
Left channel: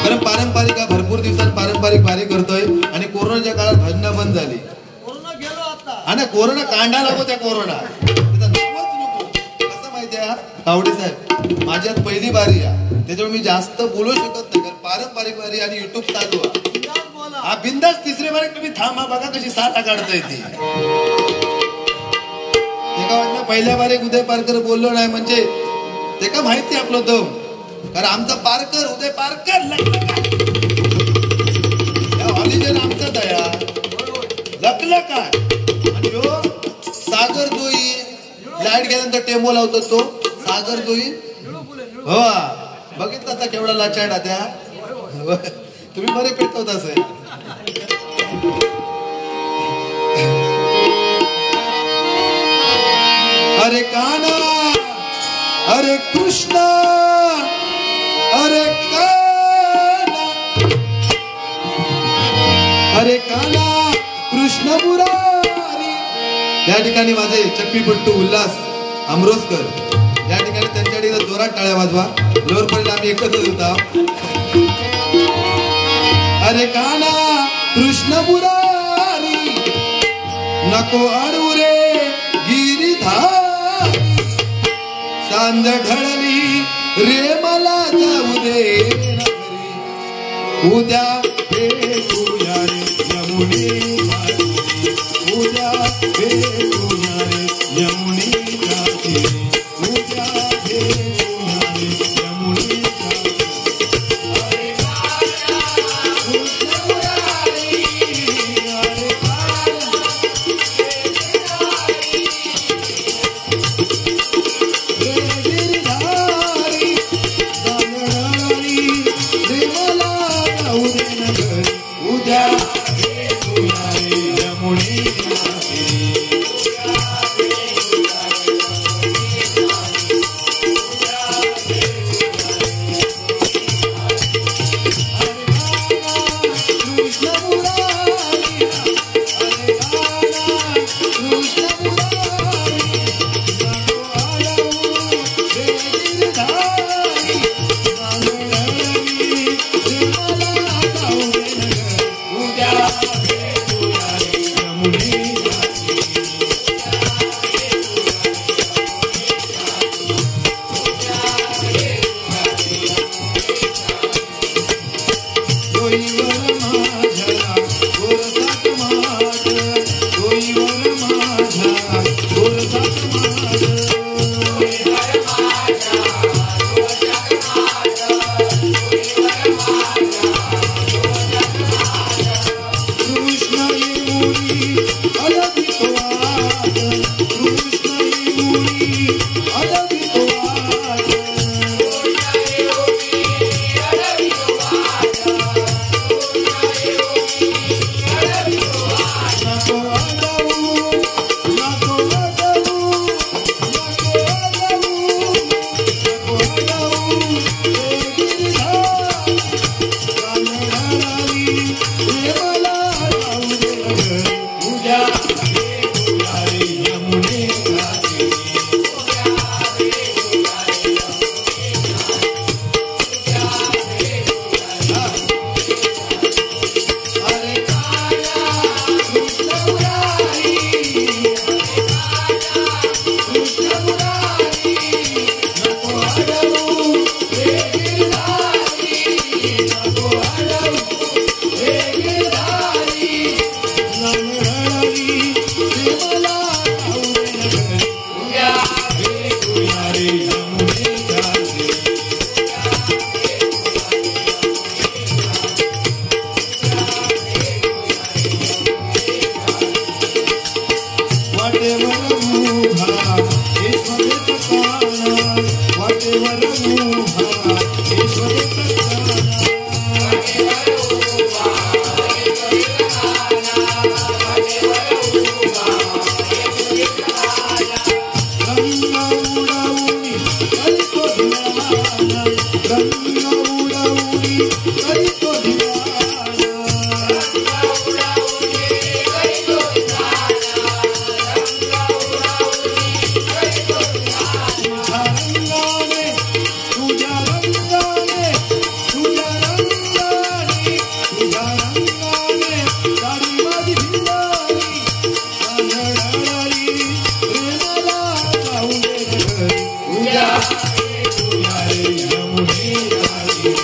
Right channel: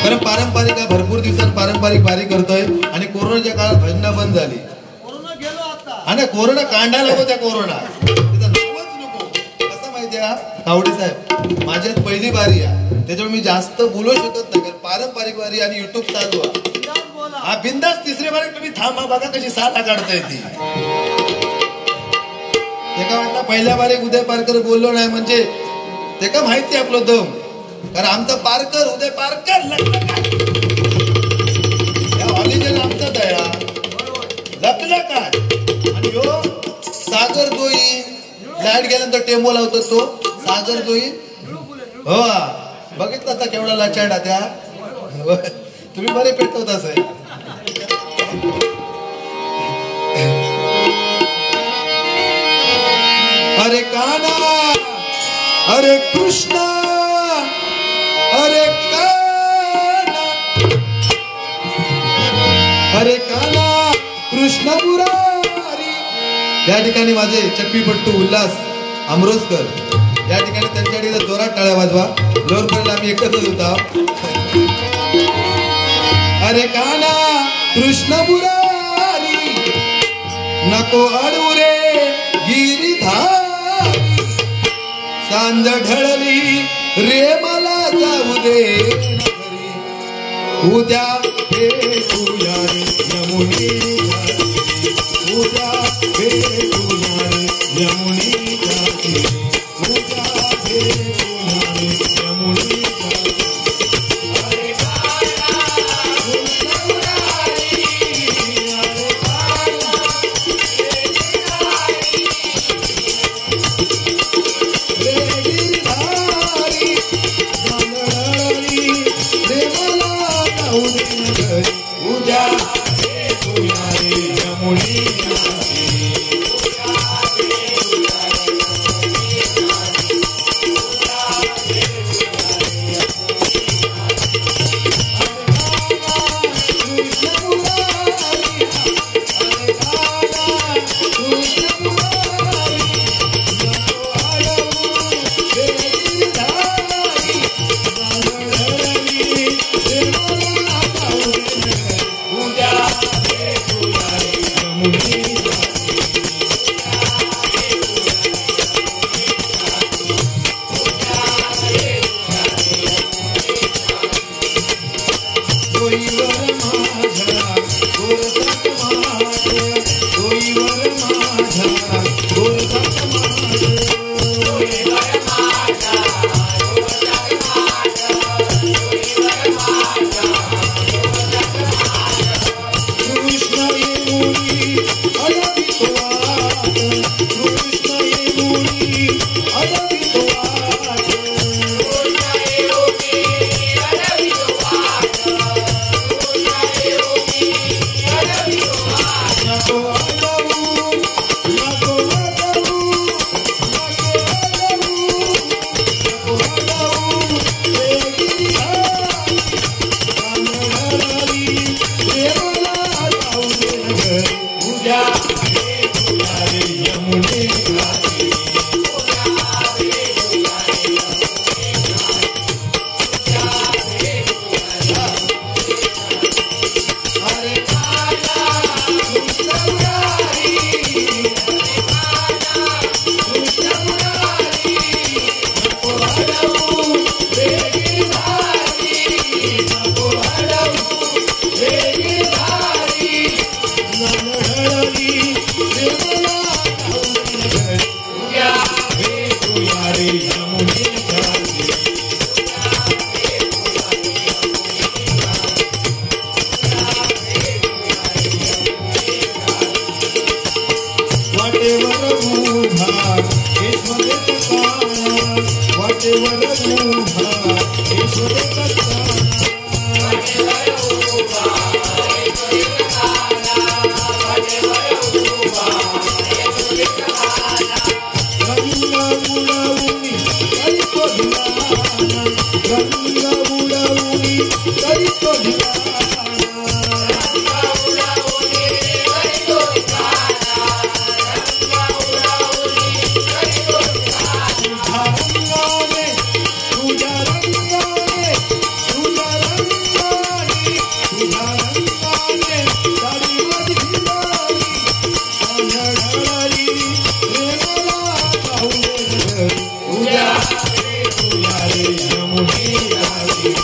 कारण पारंपरिक भरपूर दिवसात पारंपरिक वारी करतोय आणि कोरोनाच्या काळात भजनं बंद झाली आणि कोरोना कांडा लागो त्या कोरोना कसं माहितीये का तावडे साहेब माझ्यात पहिली वारी आहे त्याच्यामुळे मी जास्त बोलू शकत नाही कारण पारंपरिक वारी आणि युट्यूब चालू आहे. हा बिंदास तिसरी वारी तुम्ही थांबा बघा कशी साला काढताय ती. एका वाटला पहिल्या वारी उदय पारकर बोललो नाही म्हणजे ते का माहिती आपलं दम कारण आमचा पारकर उदय पारकर ऑलिजन आमचा दया लपला काय आणि हो सागर जोईन लाईट गेल्यानंतर टेम्पो लावतो तो सागर जोईन हो बघितलं आता केवढा लाचाडा त्या तुम्ही बरे पेटवत असे. अरे काना अरे कृष्णा अरे काना अरे काना कृष्ण मुरारी. या ठिकाणी माझे चप्पीपट्टू उल्हास अमरोसकर या ठिकाणी त्यांच्याकडे जोरात टाळ्या वाजवा. लोरपर्यंत आम्ही एकत्रच होता. अरे काना कृष्ण मुरारी नको अडू रे गिरीधारी सांज ढळली रे मला जाऊ दे उद्या भेटूया रे यमुनी उद्या भेटूया रे यमुनी उद्या भेटूया रे यमुनी. Hey, रंगाने साडी माझी भिंगारी आंधळाली प्रेमाला पाहून घरी उद्या रे यमुने गावी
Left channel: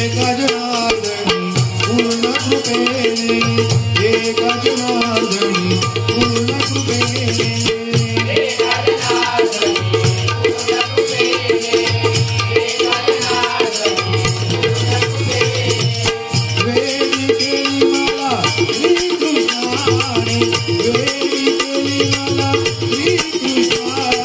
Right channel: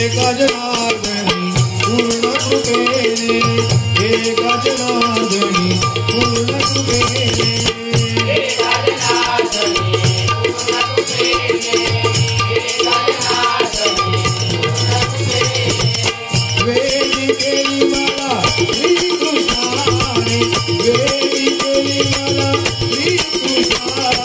एका जनार्दनी पूर्ण कृपेने एका जनार्दनी पूर्ण कृपेने वेळी केली मला श्रीकृष्णाने वेळी केली मला श्रीकृष्णाने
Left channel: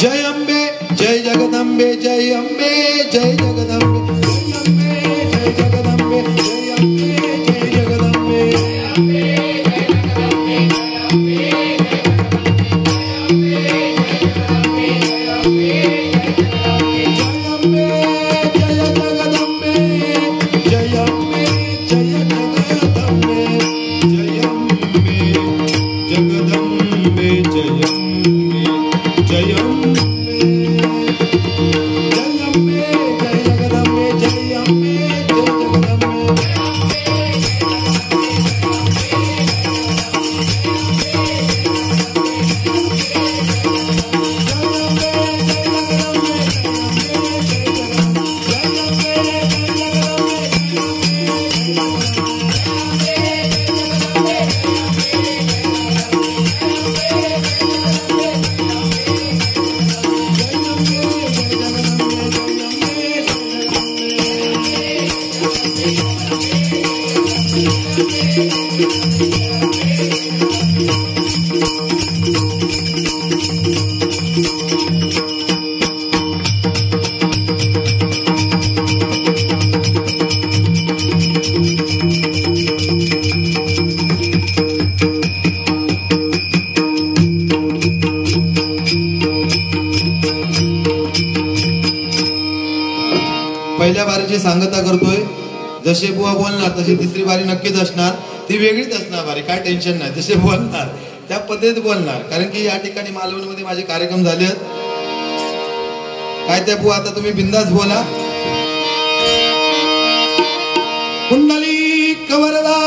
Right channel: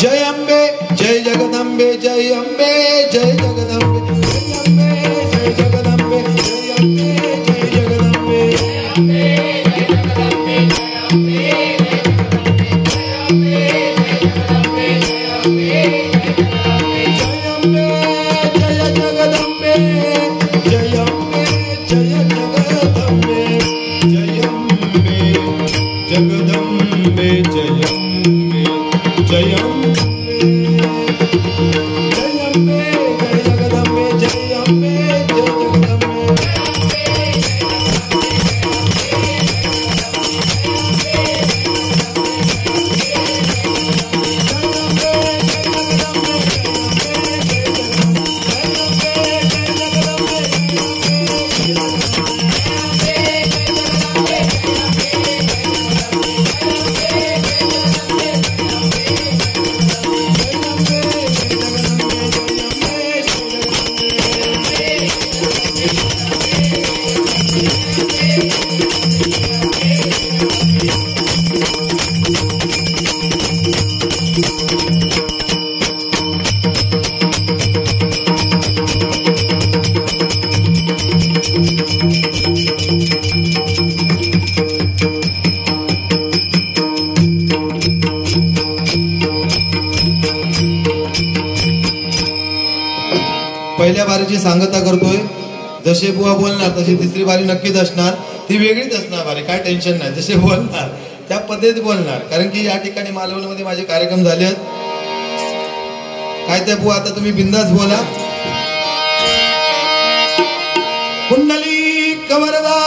जय अम्बे जय जगदम्बे जय अम्बे जय जगदम्बे जय अम्बे जय जगदम्बे जय अम्बे जय जगदम्बे पहिल्या बारीची सांगता करतोय. जसे बुवा बोलणार तशी तिसरी बारी नक्कीच असणार, ती वेगळीच असणार बारी, काय टेन्शन नाही. जसे बोलणार त्या पद्धतीत बोलणार, कारण की या ठिकाणी मालवणमध्ये माझे कार्यक्रम झाले आहेत. काय ते बुवा आता तुम्ही बिंदास बोला. कुंडली कवरदा